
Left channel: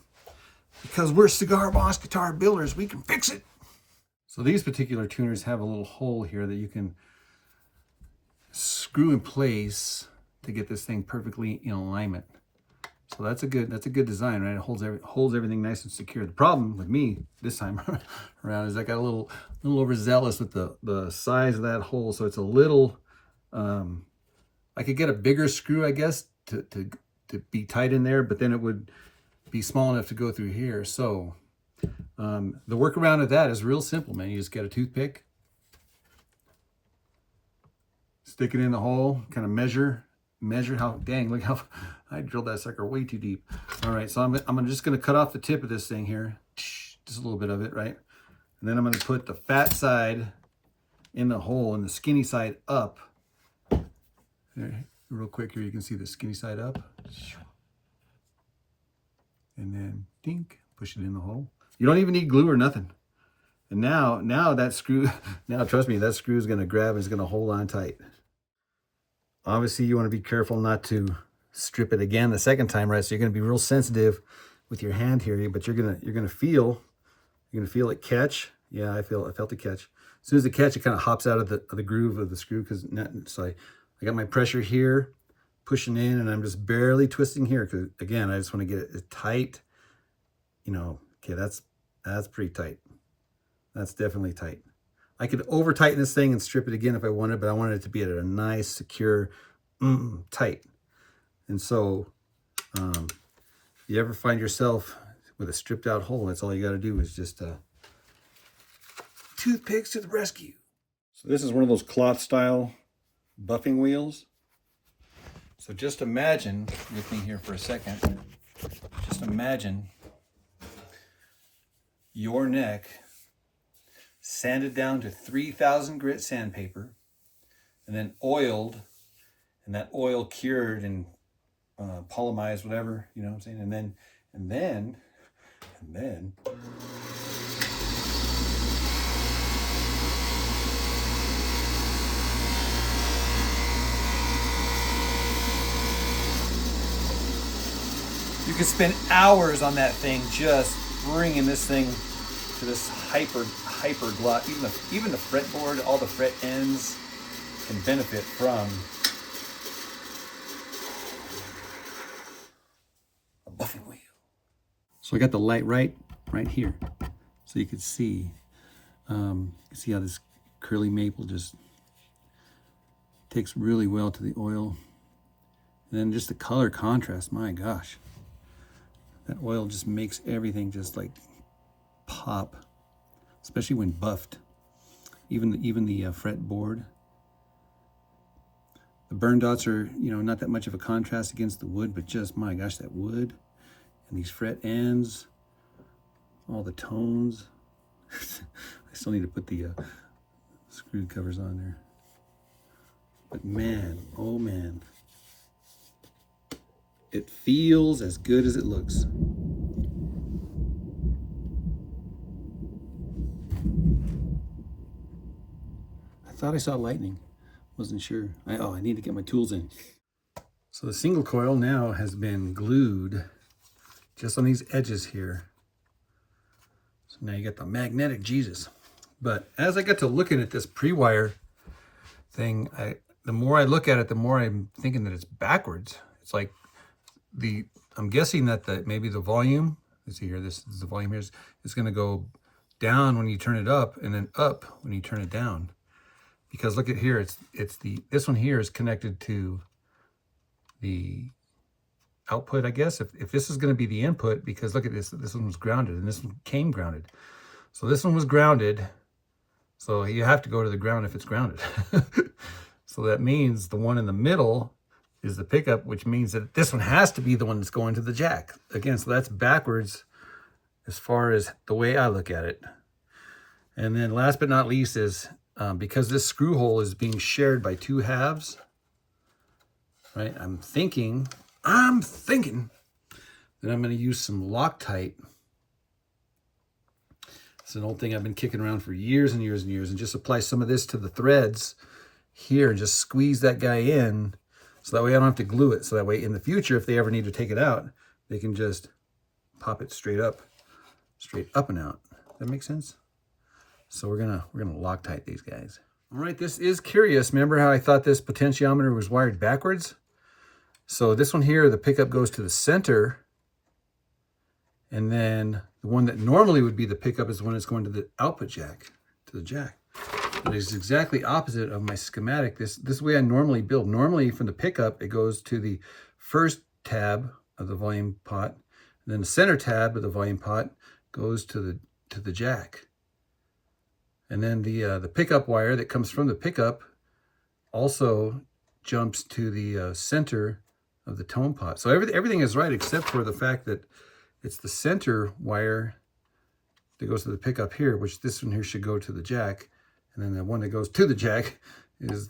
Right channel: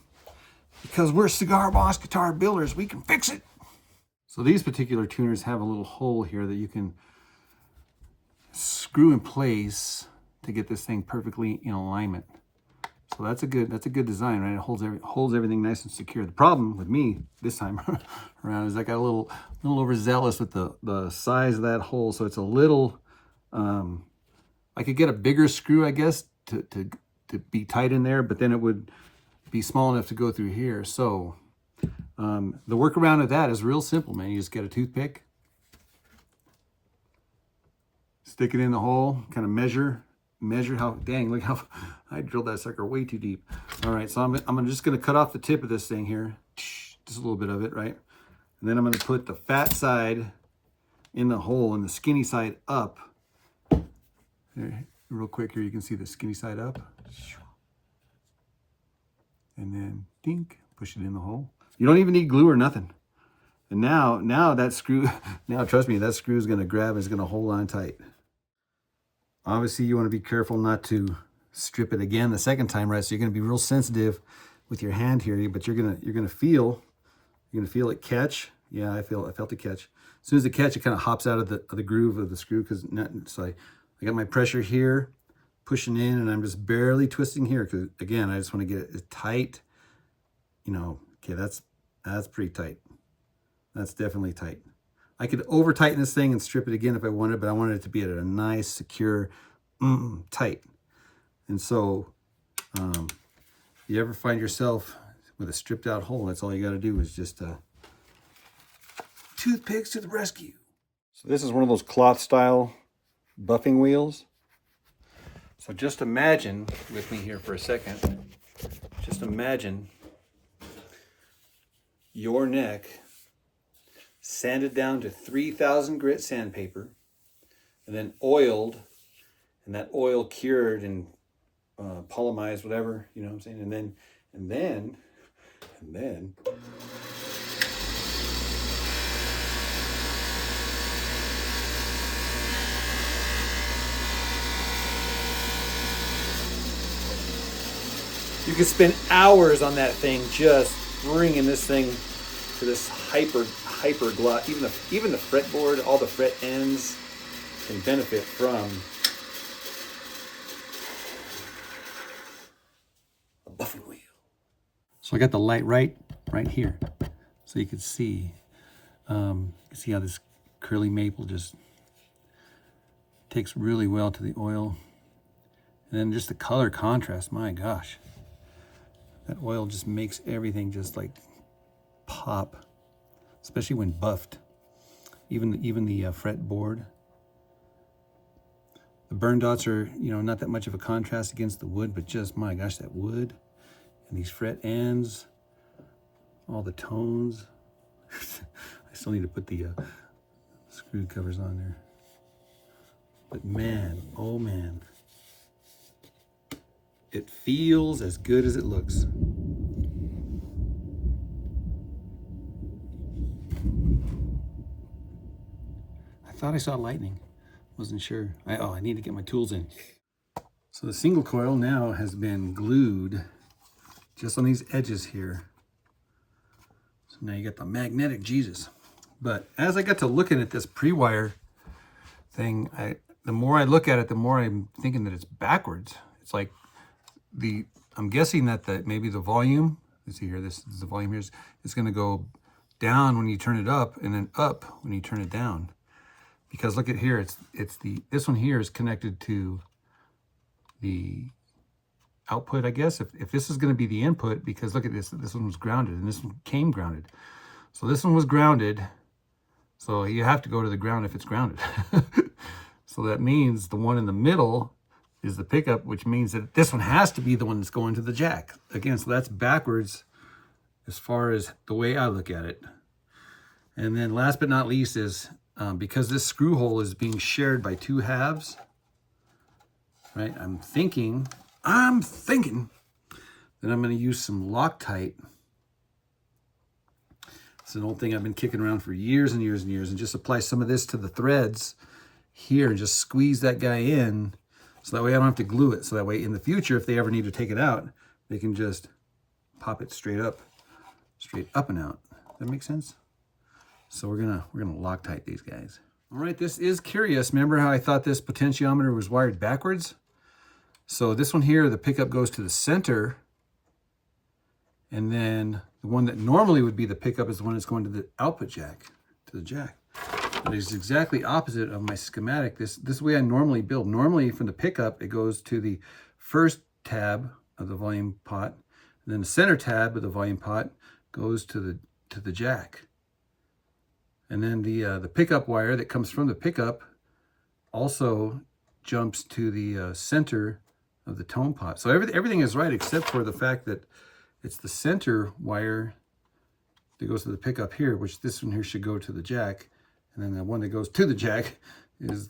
because we're Cigar Boss guitar builders, we can fix it. So these particular tuners have a little hole here that you can screw in place to get this thing perfectly in alignment. So that's a good design, right? It holds everything nice and secure. The problem with me this time around is I got a little overzealous with the size of that hole. So it's a little, I could get a bigger screw, I guess, to be tight in there, but then it would be small enough to go through here. So the workaround of that is real simple, man. You just get a toothpick, stick it in the hole, kind of measure how, dang, look how I drilled that sucker way too deep. All right, so I'm just gonna cut off the tip of this thing here, just a little bit of it, right? And then I'm gonna put the fat side in the hole and the skinny side up. There, real quick here, you can see the skinny side up. And then dink, push it in the hole. You don't even need glue or nothing. And now that screw, now trust me, that screw is gonna grab and it's gonna hold on tight. Obviously, you want to be careful not to strip it again the second time, right? So you're going to be real sensitive with your hand here, but you're gonna feel it catch. Yeah, I felt it catch. As soon as it catch, it kind of hops out of the groove of the screw so I got my pressure here, pushing in, and I'm just barely twisting here because again, I just want to get it tight. You know, okay, that's pretty tight. That's definitely tight. I could over tighten this thing and strip it again if I wanted, but I wanted it to be at a nice, secure, tight. And so, you ever find yourself with a stripped out hole, that's all you got to do is just toothpicks to the rescue. So this is one of those cloth style buffing wheels. So just imagine with me here for a second, just imagine your neck sanded down to 3,000 grit sandpaper, and then oiled, and that oil cured and polymerized, whatever, you know what I'm saying? And then you could spend hours on that thing, just bringing this thing to this hyper gloss. Even the fretboard, all the fret ends can benefit from a buffing wheel. So I got the light right here, so you can see how this curly maple just takes really well to the oil, and then just the color contrast. My gosh, that oil just makes everything just like pop, especially when buffed. Even the fretboard. The burn dots are, not that much of a contrast against the wood, but just, my gosh, that wood and these fret ends, all the tones. I still need to put the screw covers on there. But man, oh man, it feels as good as it looks. I thought I saw lightning. Wasn't sure. I need to get my tools in. So the single coil now has been glued just on these edges here. So now you got the magnetic Jesus. But as I got to looking at this pre-wire thing, the more I look at it, the more I'm thinking that it's backwards. It's like I'm guessing that maybe the volume, let's see here, this is the volume here, is going to go down when you turn it up and then up when you turn it down. Because look at here, this one here is connected to the output, I guess. If this is going to be the input, because look at this one was grounded and this one came grounded. So this one was grounded. So you have to go to the ground if it's grounded. So that means the one in the middle is the pickup, which means that this one has to be the one that's going to the jack. Again, so that's backwards as far as the way I look at it. And then last but not least is, because this screw hole is being shared by two halves, right? I'm thinking that I'm going to use some Loctite. It's an old thing I've been kicking around for years and years and years, and just apply some of this to the threads here and just squeeze that guy in, so that way I don't have to glue it. So that way in the future, if they ever need to take it out, they can just pop it straight up and out. Does that make sense? So we're gonna Loctite these guys. All right, this is curious. Remember how I thought this potentiometer was wired backwards? So this one here, the pickup goes to the center, and then the one that normally would be the pickup is the one that's going to the output jack, to the jack. But it's exactly opposite of my schematic. This way I normally build. Normally from the pickup, it goes to the first tab of the volume pot, and then the center tab of the volume pot goes to the jack. And then the pickup wire that comes from the pickup also jumps to the center of the tone pot. So everything is right except for the fact that it's the center wire that goes to the pickup here, which this one here should go to the jack. And then the one that goes to the jack is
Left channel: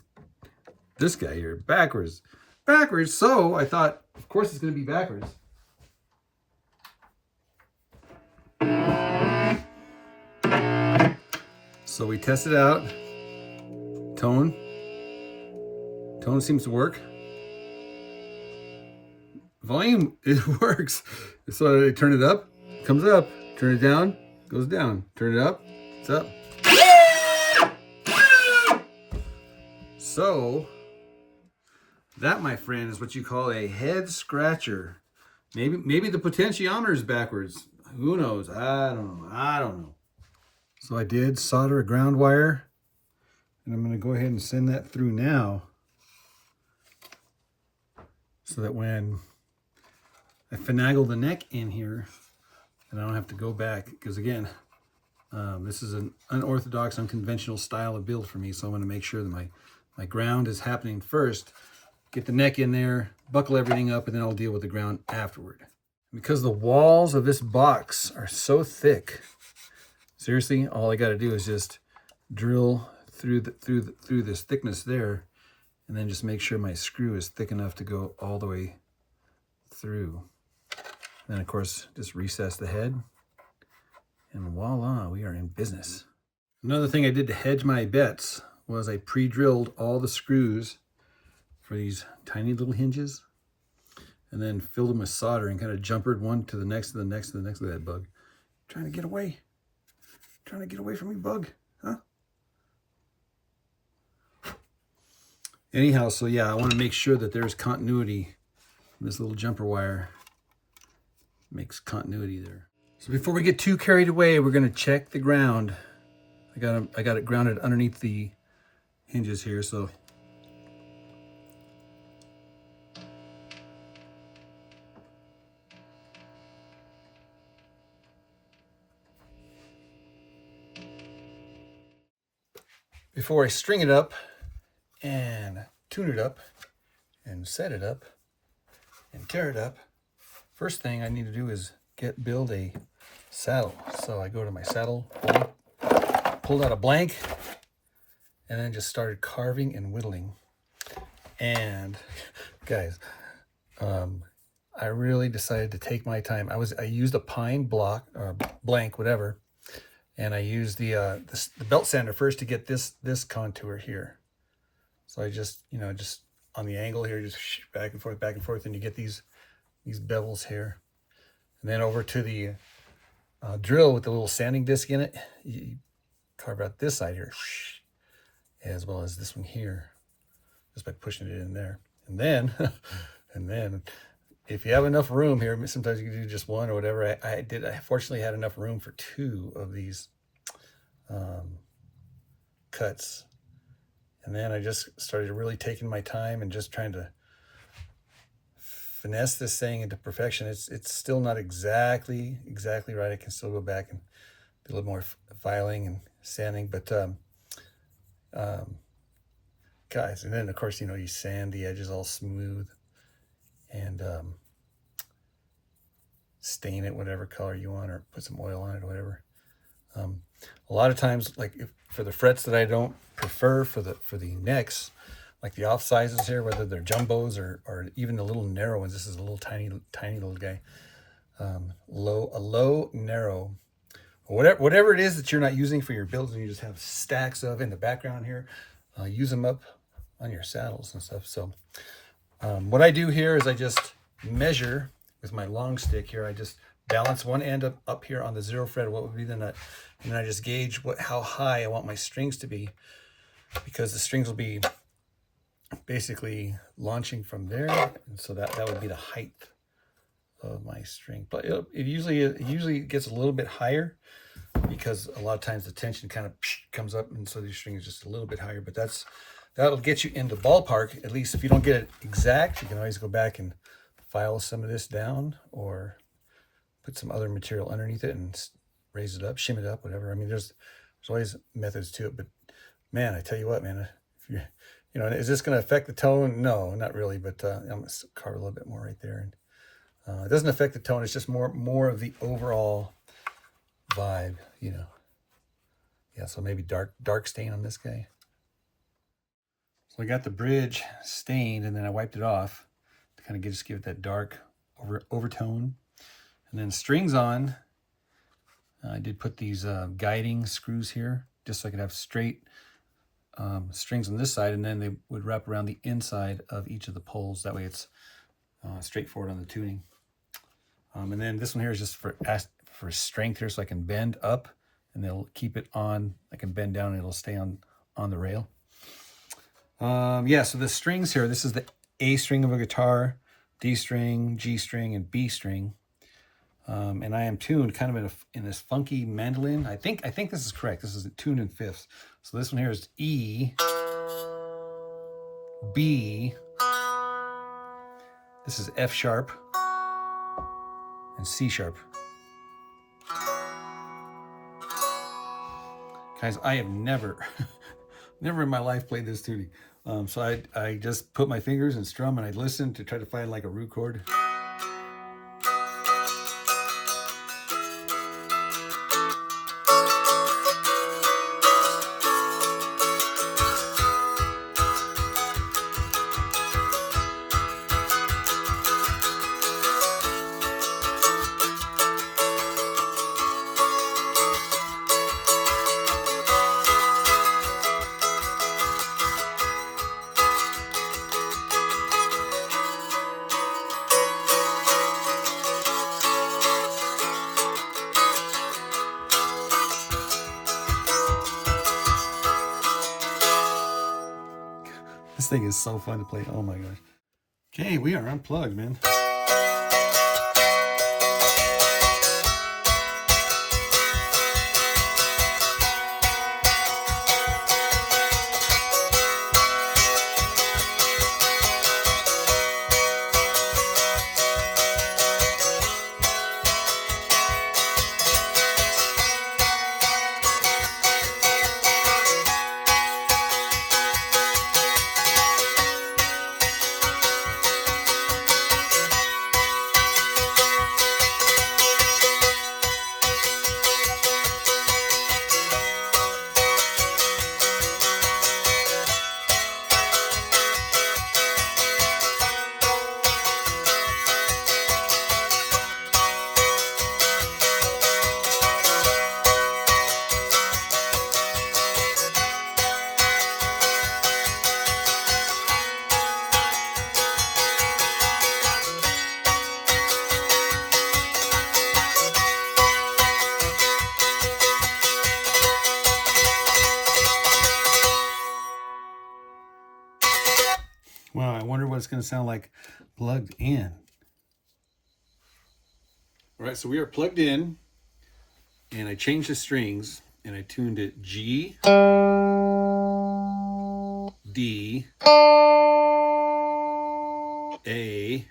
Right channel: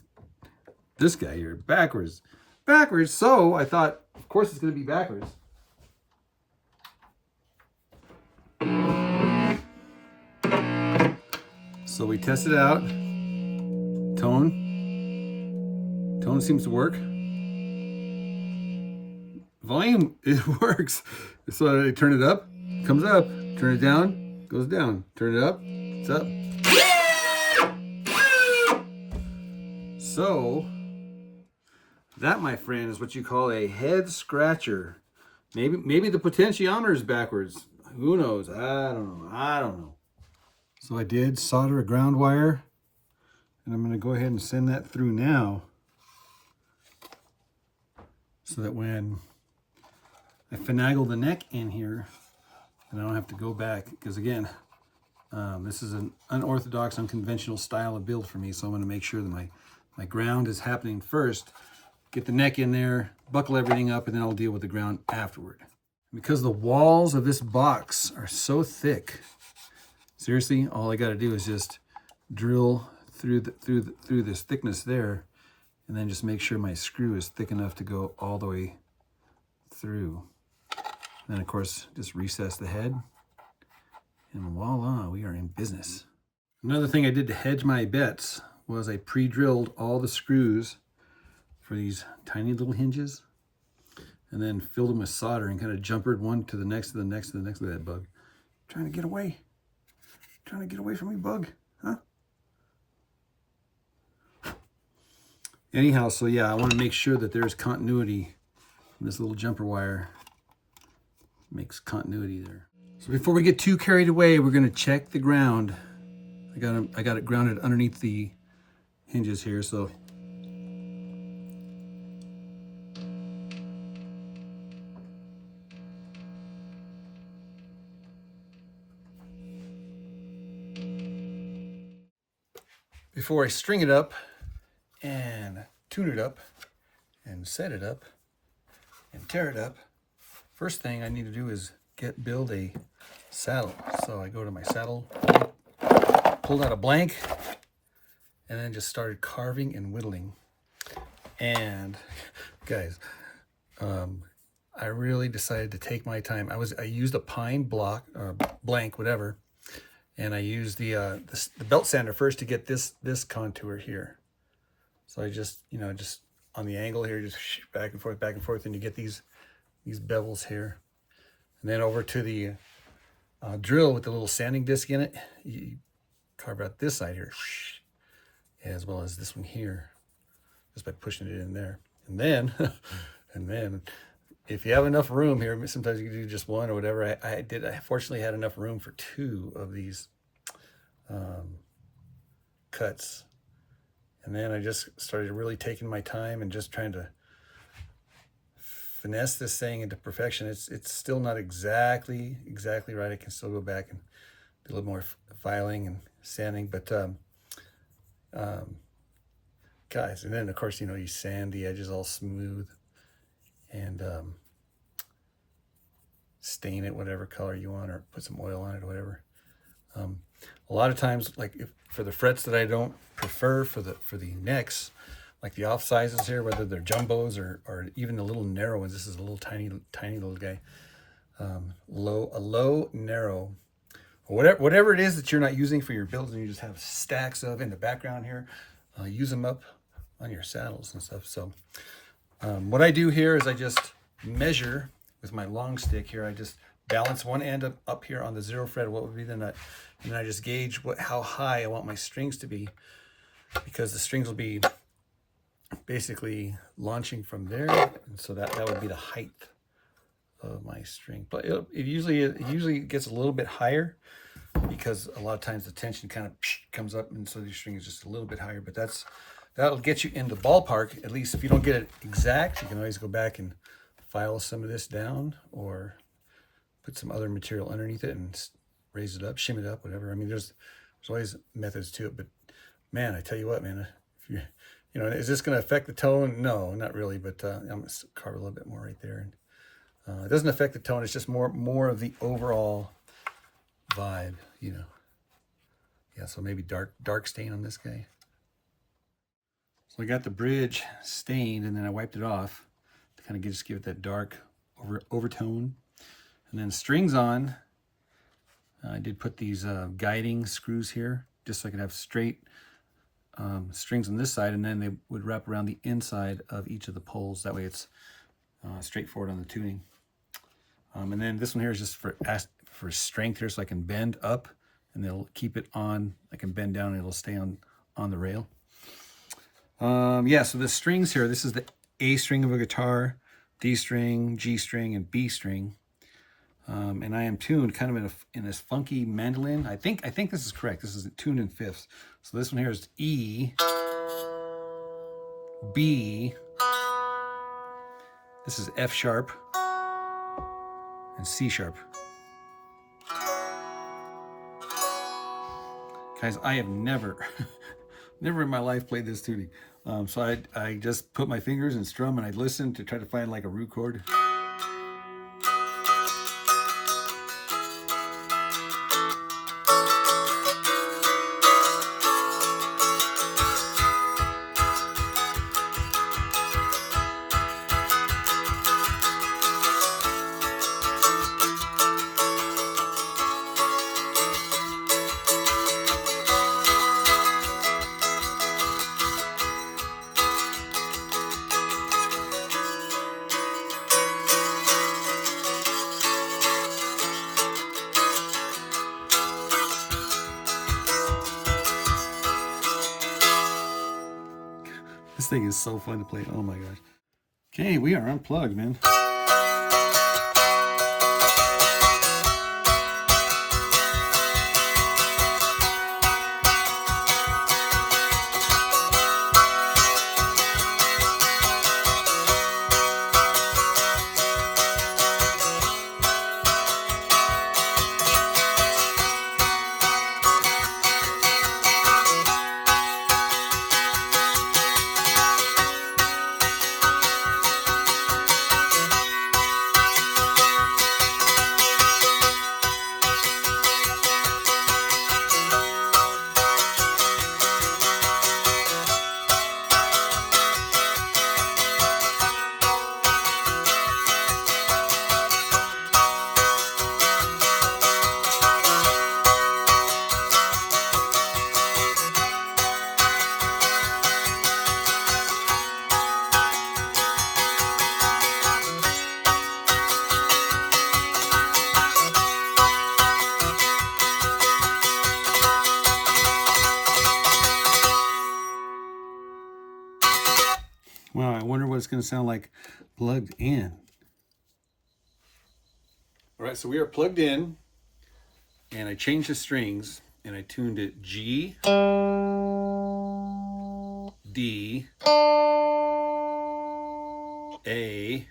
this guy here, backwards. Backwards, so I thought, of course it's gonna be backwards. So we tested out. Tone seems to work. Volume, it works. So I turn it up, comes up. Turn it down, goes down. Turn it up, it's up. So that, my friend, is what you call a head scratcher. Maybe the potentiometer is backwards. Who knows? I don't know. So I did solder a ground wire, and I'm going to go ahead and send that through now, so that when I finagle the neck in here, and I don't have to go back, because again, this is an unorthodox, unconventional style of build for me, so I'm going to make sure that my ground is happening first, get the neck in there, buckle everything up, and then I'll deal with the ground afterward. Because the walls of this box are so thick, seriously, all I got to do is just drill through this thickness there, and then just make sure my screw is thick enough to go all the way through. And then, of course, just recess the head, and voila, we are in business. Another thing I did to hedge my bets was I pre-drilled all the screws for these tiny little hinges, and then filled them with solder and kind of jumpered one to the next, to the next, to the next. Look at that bug. Trying to get away. Trying to get away from me, bug. Huh? Anyhow, so yeah, I want to make sure that there's continuity. This little jumper wire makes continuity there. So before we get too carried away, we're going to check the ground. I got it grounded underneath the hinges here, so before I string it up and tune it up and set it up and tear it up, first thing I need to do is build a saddle. So I go to my saddle, pulled out a blank, and then just started carving and whittling. And guys, I really decided to take my time. I used a pine block or blank, whatever, and I used the belt sander first to get this contour here. So I just just on the angle here, just back and forth, and you get these bevels here. And then over to the drill with the little sanding disc in it. carve out this side here, as well as this one here, just by pushing it in there. And then, and then, if you have enough room here, sometimes you can do just one or whatever. I fortunately had enough room for 2 of these cuts. And then I just started really taking my time and just trying to finesse this thing into perfection. It's still not exactly right. I can still go back and do a little more filing and sanding, but guys, and then of course, you know, you sand the edges all smooth and stain it whatever color you want, or put some oil on it or whatever. A lot of times, like for the frets that I don't prefer for the necks, like the off sizes here, whether they're jumbos or even the little narrow ones. This is a little tiny little guy. Low narrow, or whatever it is that you're not using for your builds, and you just have stacks of in the background here. Use them up on your saddles and stuff. So what I do here is I just measure with my long stick here. I just balance one end up here on the 0 fret, what would be the nut, and then I just gauge how high I want my strings to be, because the strings will be basically launching from there, and so that would be the height of my string. But it usually gets a little bit higher, because a lot of times the tension kind of comes up, and so the string is just a little bit higher. But that'll get you into ballpark. At least if you don't get it exact, you can always go back and file some of this down, or put some other material underneath it and raise it up, shim it up, whatever. I mean, there's always methods to it. But man, I tell you what, man, if you know, is this going to affect the tone? No, not really. But I'm going to carve a little bit more right there, and it doesn't affect the tone. It's just more of the overall vibe, you know. Yeah, so maybe dark stain on this guy. So I got the bridge stained, and then I wiped it off to kind of just give it that dark overtone. And then strings on, I did put these guiding screws here, just so I could have straight strings on this side, and then they would wrap around the inside of each of the poles. That way it's straightforward on the tuning. And then this one here is just for strength here, so I can bend up, and they'll keep it on. I can bend down, and it'll stay on the rail. Yeah, so the strings here, this is the A string of a guitar, D string, G string, and B string. And I am tuned kind of in this funky mandolin. I think this is correct. This is tuned in fifths. So this one here is E, B, this is F sharp, and C sharp. Guys, I have never in my life played this tuning. So I just put my fingers and strum, and I'd listen to try to find like a root chord. This thing is so fun to play. Oh my gosh. Okay, we are unplugged, man. Well, I wonder what it's going to sound like plugged in. All right, so we are plugged in, and I changed the strings, and I tuned it G, D, A,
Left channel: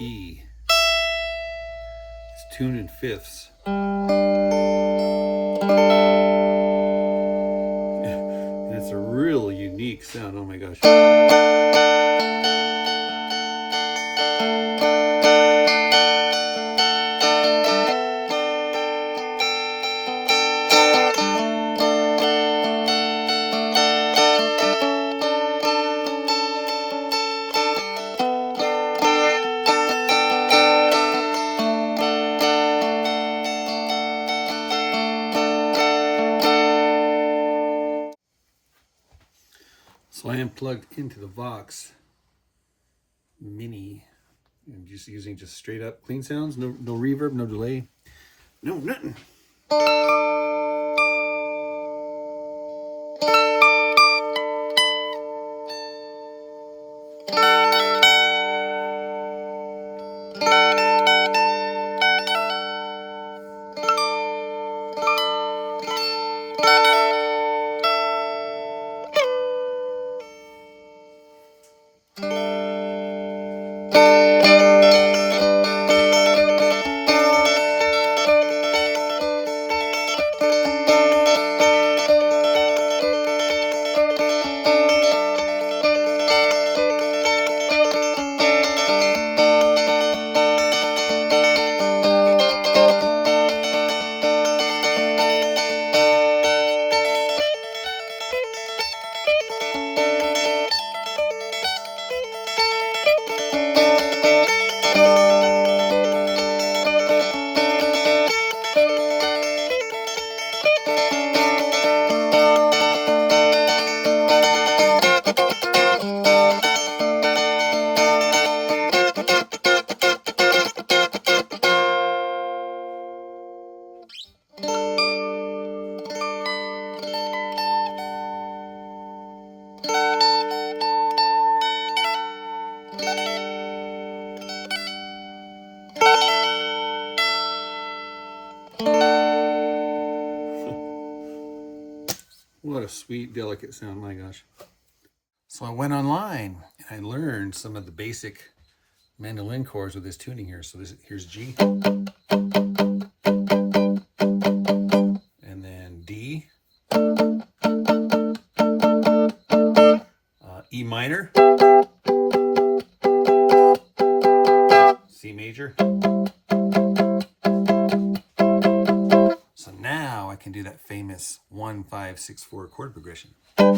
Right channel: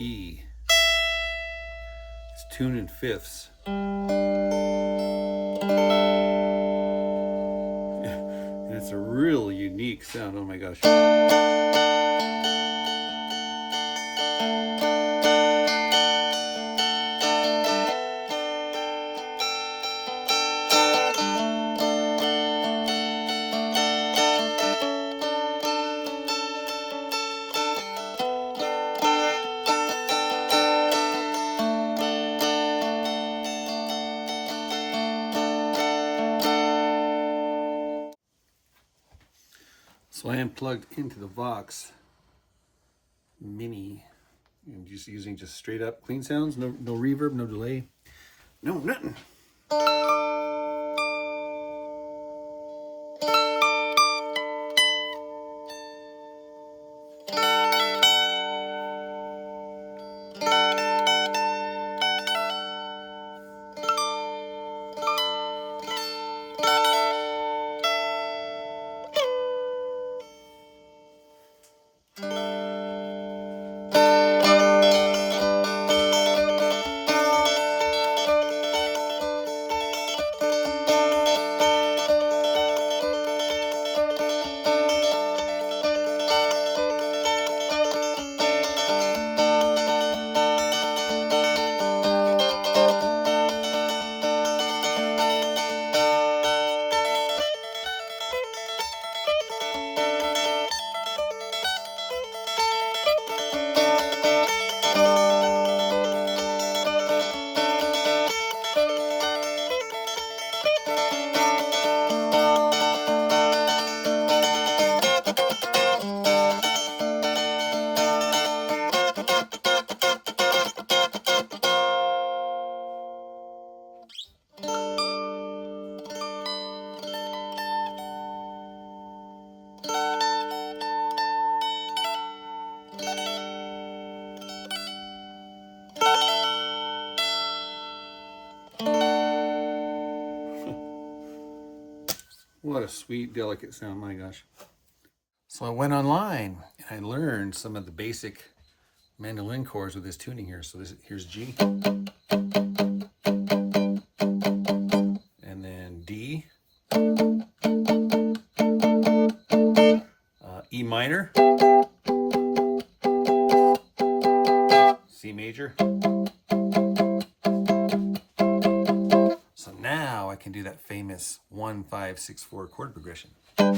E. It's tuned in fifths. And it's a real unique sound. Oh my gosh. So I am plugged into the Vox Mini. I'm just using just straight up clean sounds, no reverb, no delay, no nothing. What a sweet, delicate sound, my gosh. So I went online and I learned some of the basic mandolin chords with this tuning here. So here's G. And then D. E minor. C major. So now I can do that famous 1-5-6-4 chord progression. So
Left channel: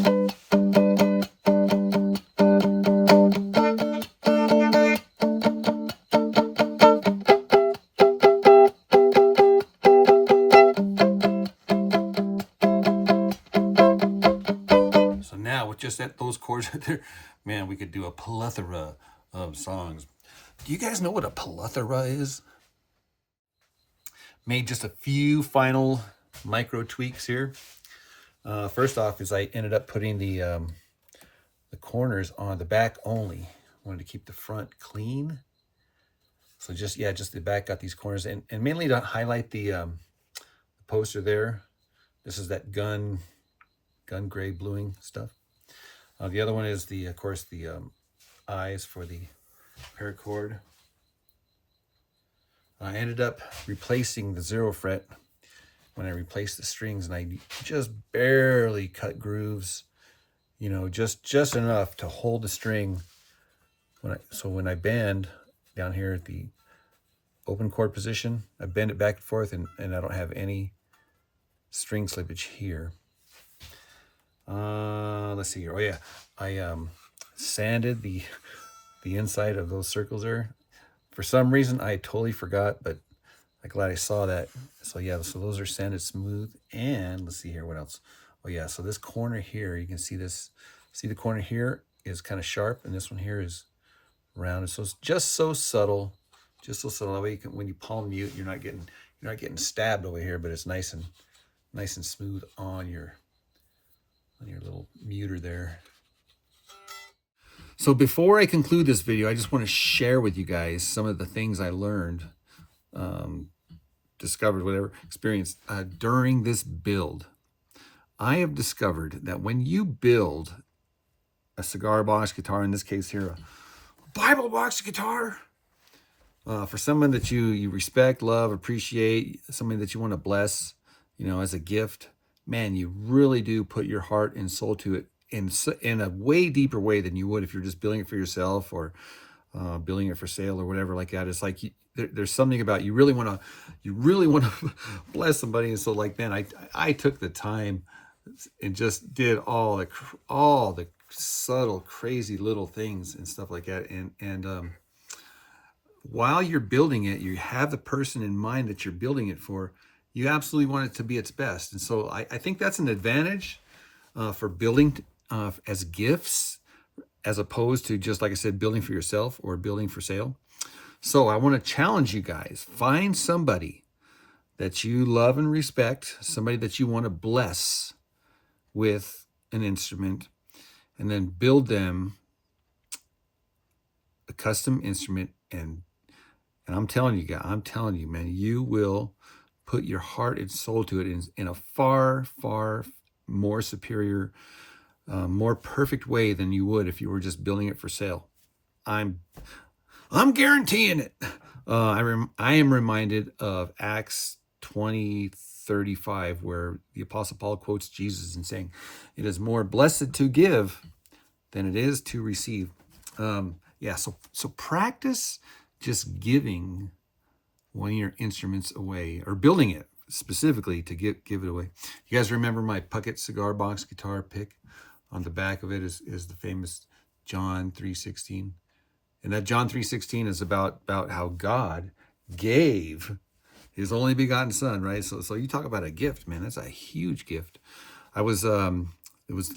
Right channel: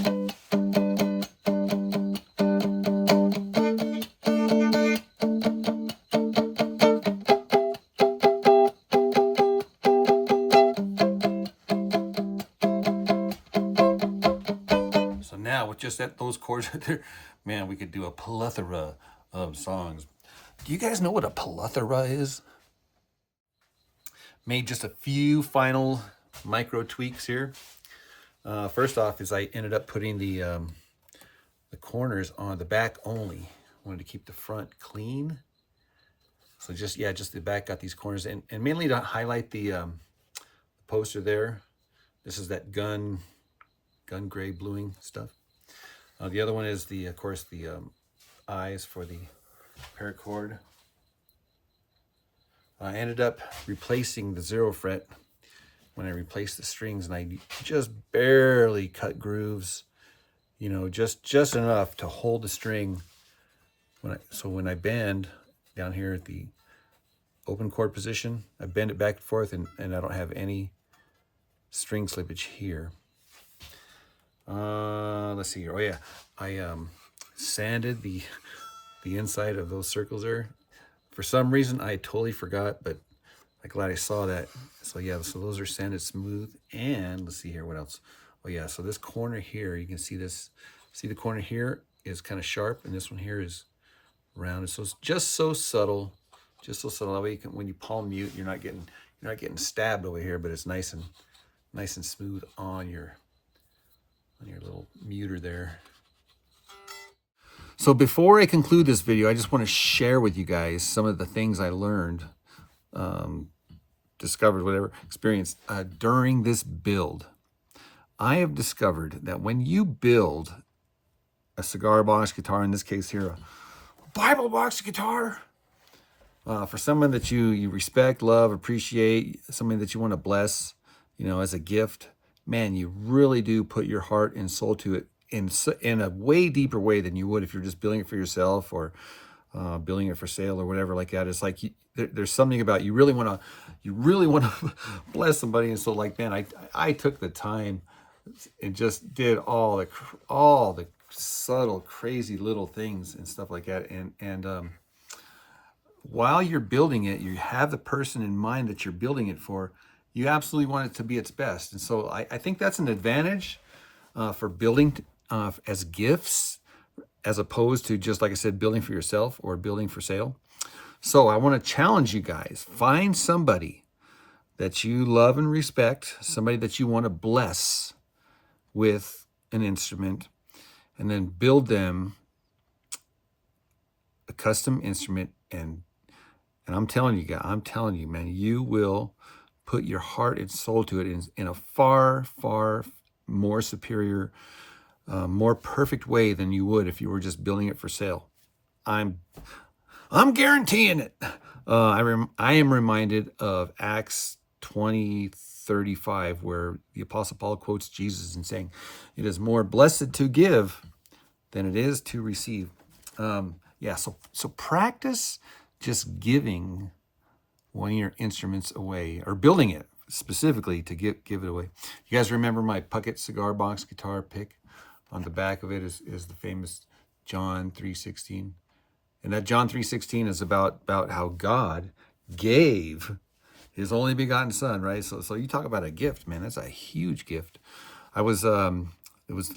now with just those chords right there, man, we could do a plethora of songs. Do you guys know what a plethora is? Made just a few final micro tweaks here. First off is I ended up putting the corners on the back only. I wanted to keep the front clean. So just the back got these corners, and mainly to highlight the poster there. This is that gun gray bluing stuff. The other one is of course the eyes for the paracord. I ended up replacing the 0 fret when I replaced the strings, and I just barely cut grooves, you know, just enough to hold the string. When I bend down here at the open chord position, I bend it back and forth, and I don't have any string slippage here. Let's see here. Oh yeah, I sanded the inside of those circles there. For some reason, I totally forgot, but I'm glad I saw that. So yeah, so those are sanded smooth. And let's see here, what else? Oh yeah, so this corner here, you can see this. See the corner here is kind of sharp, and this one here is rounded. So it's just so subtle, That way you can, when you palm mute, you're not getting stabbed over here, but it's nice and smooth on your little muter there. So before I conclude this video, I just want to share with you guys some of the things I learned, discovered, whatever, experienced during this build. I have discovered that when you build a cigar box guitar, in this case here, a Bible box guitar, for someone that you respect, love, appreciate, somebody that you want to bless, you know, as a gift, man, you really do put your heart and soul to it in a way deeper way than you would if you're just building it for yourself or building it for sale or whatever like that. It's like there's something about you really want to bless somebody, and so like, man, I took the time and just did all the subtle, crazy little things and stuff like that, and while you're building it, you have the person in mind that you're building it for. You absolutely want it to be its best. And so I think that's an advantage for building as gifts, as opposed to just, like I said, building for yourself or building for sale. So I want to challenge you guys. Find somebody that you love and respect, somebody that you want to bless with an instrument, and then build them a custom instrument. And I'm telling you, man, you will put your heart and soul to it in a far, far more superior, more perfect way than you would if you were just building it for sale. I'm guaranteeing it. I am reminded of Acts 20:35, where the Apostle Paul quotes Jesus and saying, "It is more blessed to give than it is to receive." Yeah, so practice just giving one of your instruments away, or building it specifically to give it away. You guys remember my Puckett cigar box guitar pick? On the back of it is the famous John 3:16. And that John 3:16 is about how God gave his only begotten son, right? So you talk about a gift, man. That's a huge gift. It was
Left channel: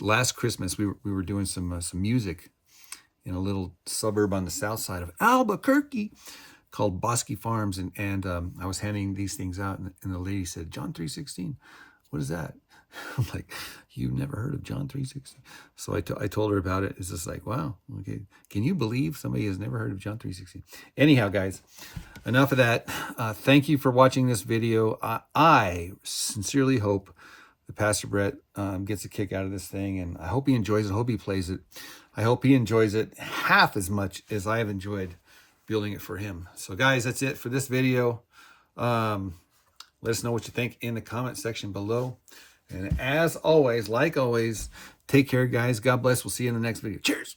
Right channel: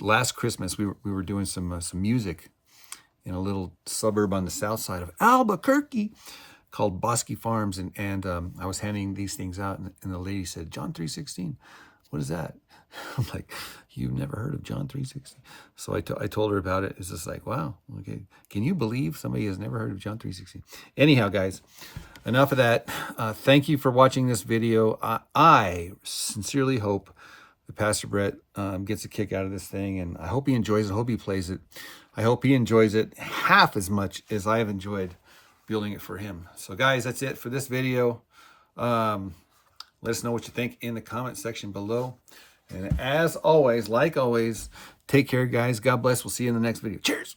last Christmas, we were doing some music in a little suburb on the south side of Albuquerque called Bosque Farms, and I was handing these things out, and the lady said, "John 3:16, what is that?" I'm like, "You've never heard of John 3:16?" So I told her about it. It's just like, wow, okay. Can you believe somebody has never heard of John 3:16? Anyhow, guys, enough of that. Thank you for watching this video. I sincerely hope that Pastor Brett gets a kick out of this thing, and I hope he enjoys it. I hope he plays it. I hope he enjoys it half as much as I have enjoyed building it for him. So guys, that's it for this video. Let us know what you think in the comment section below. And as always, like always, take care, guys. God bless. We'll see you in the next video. Cheers.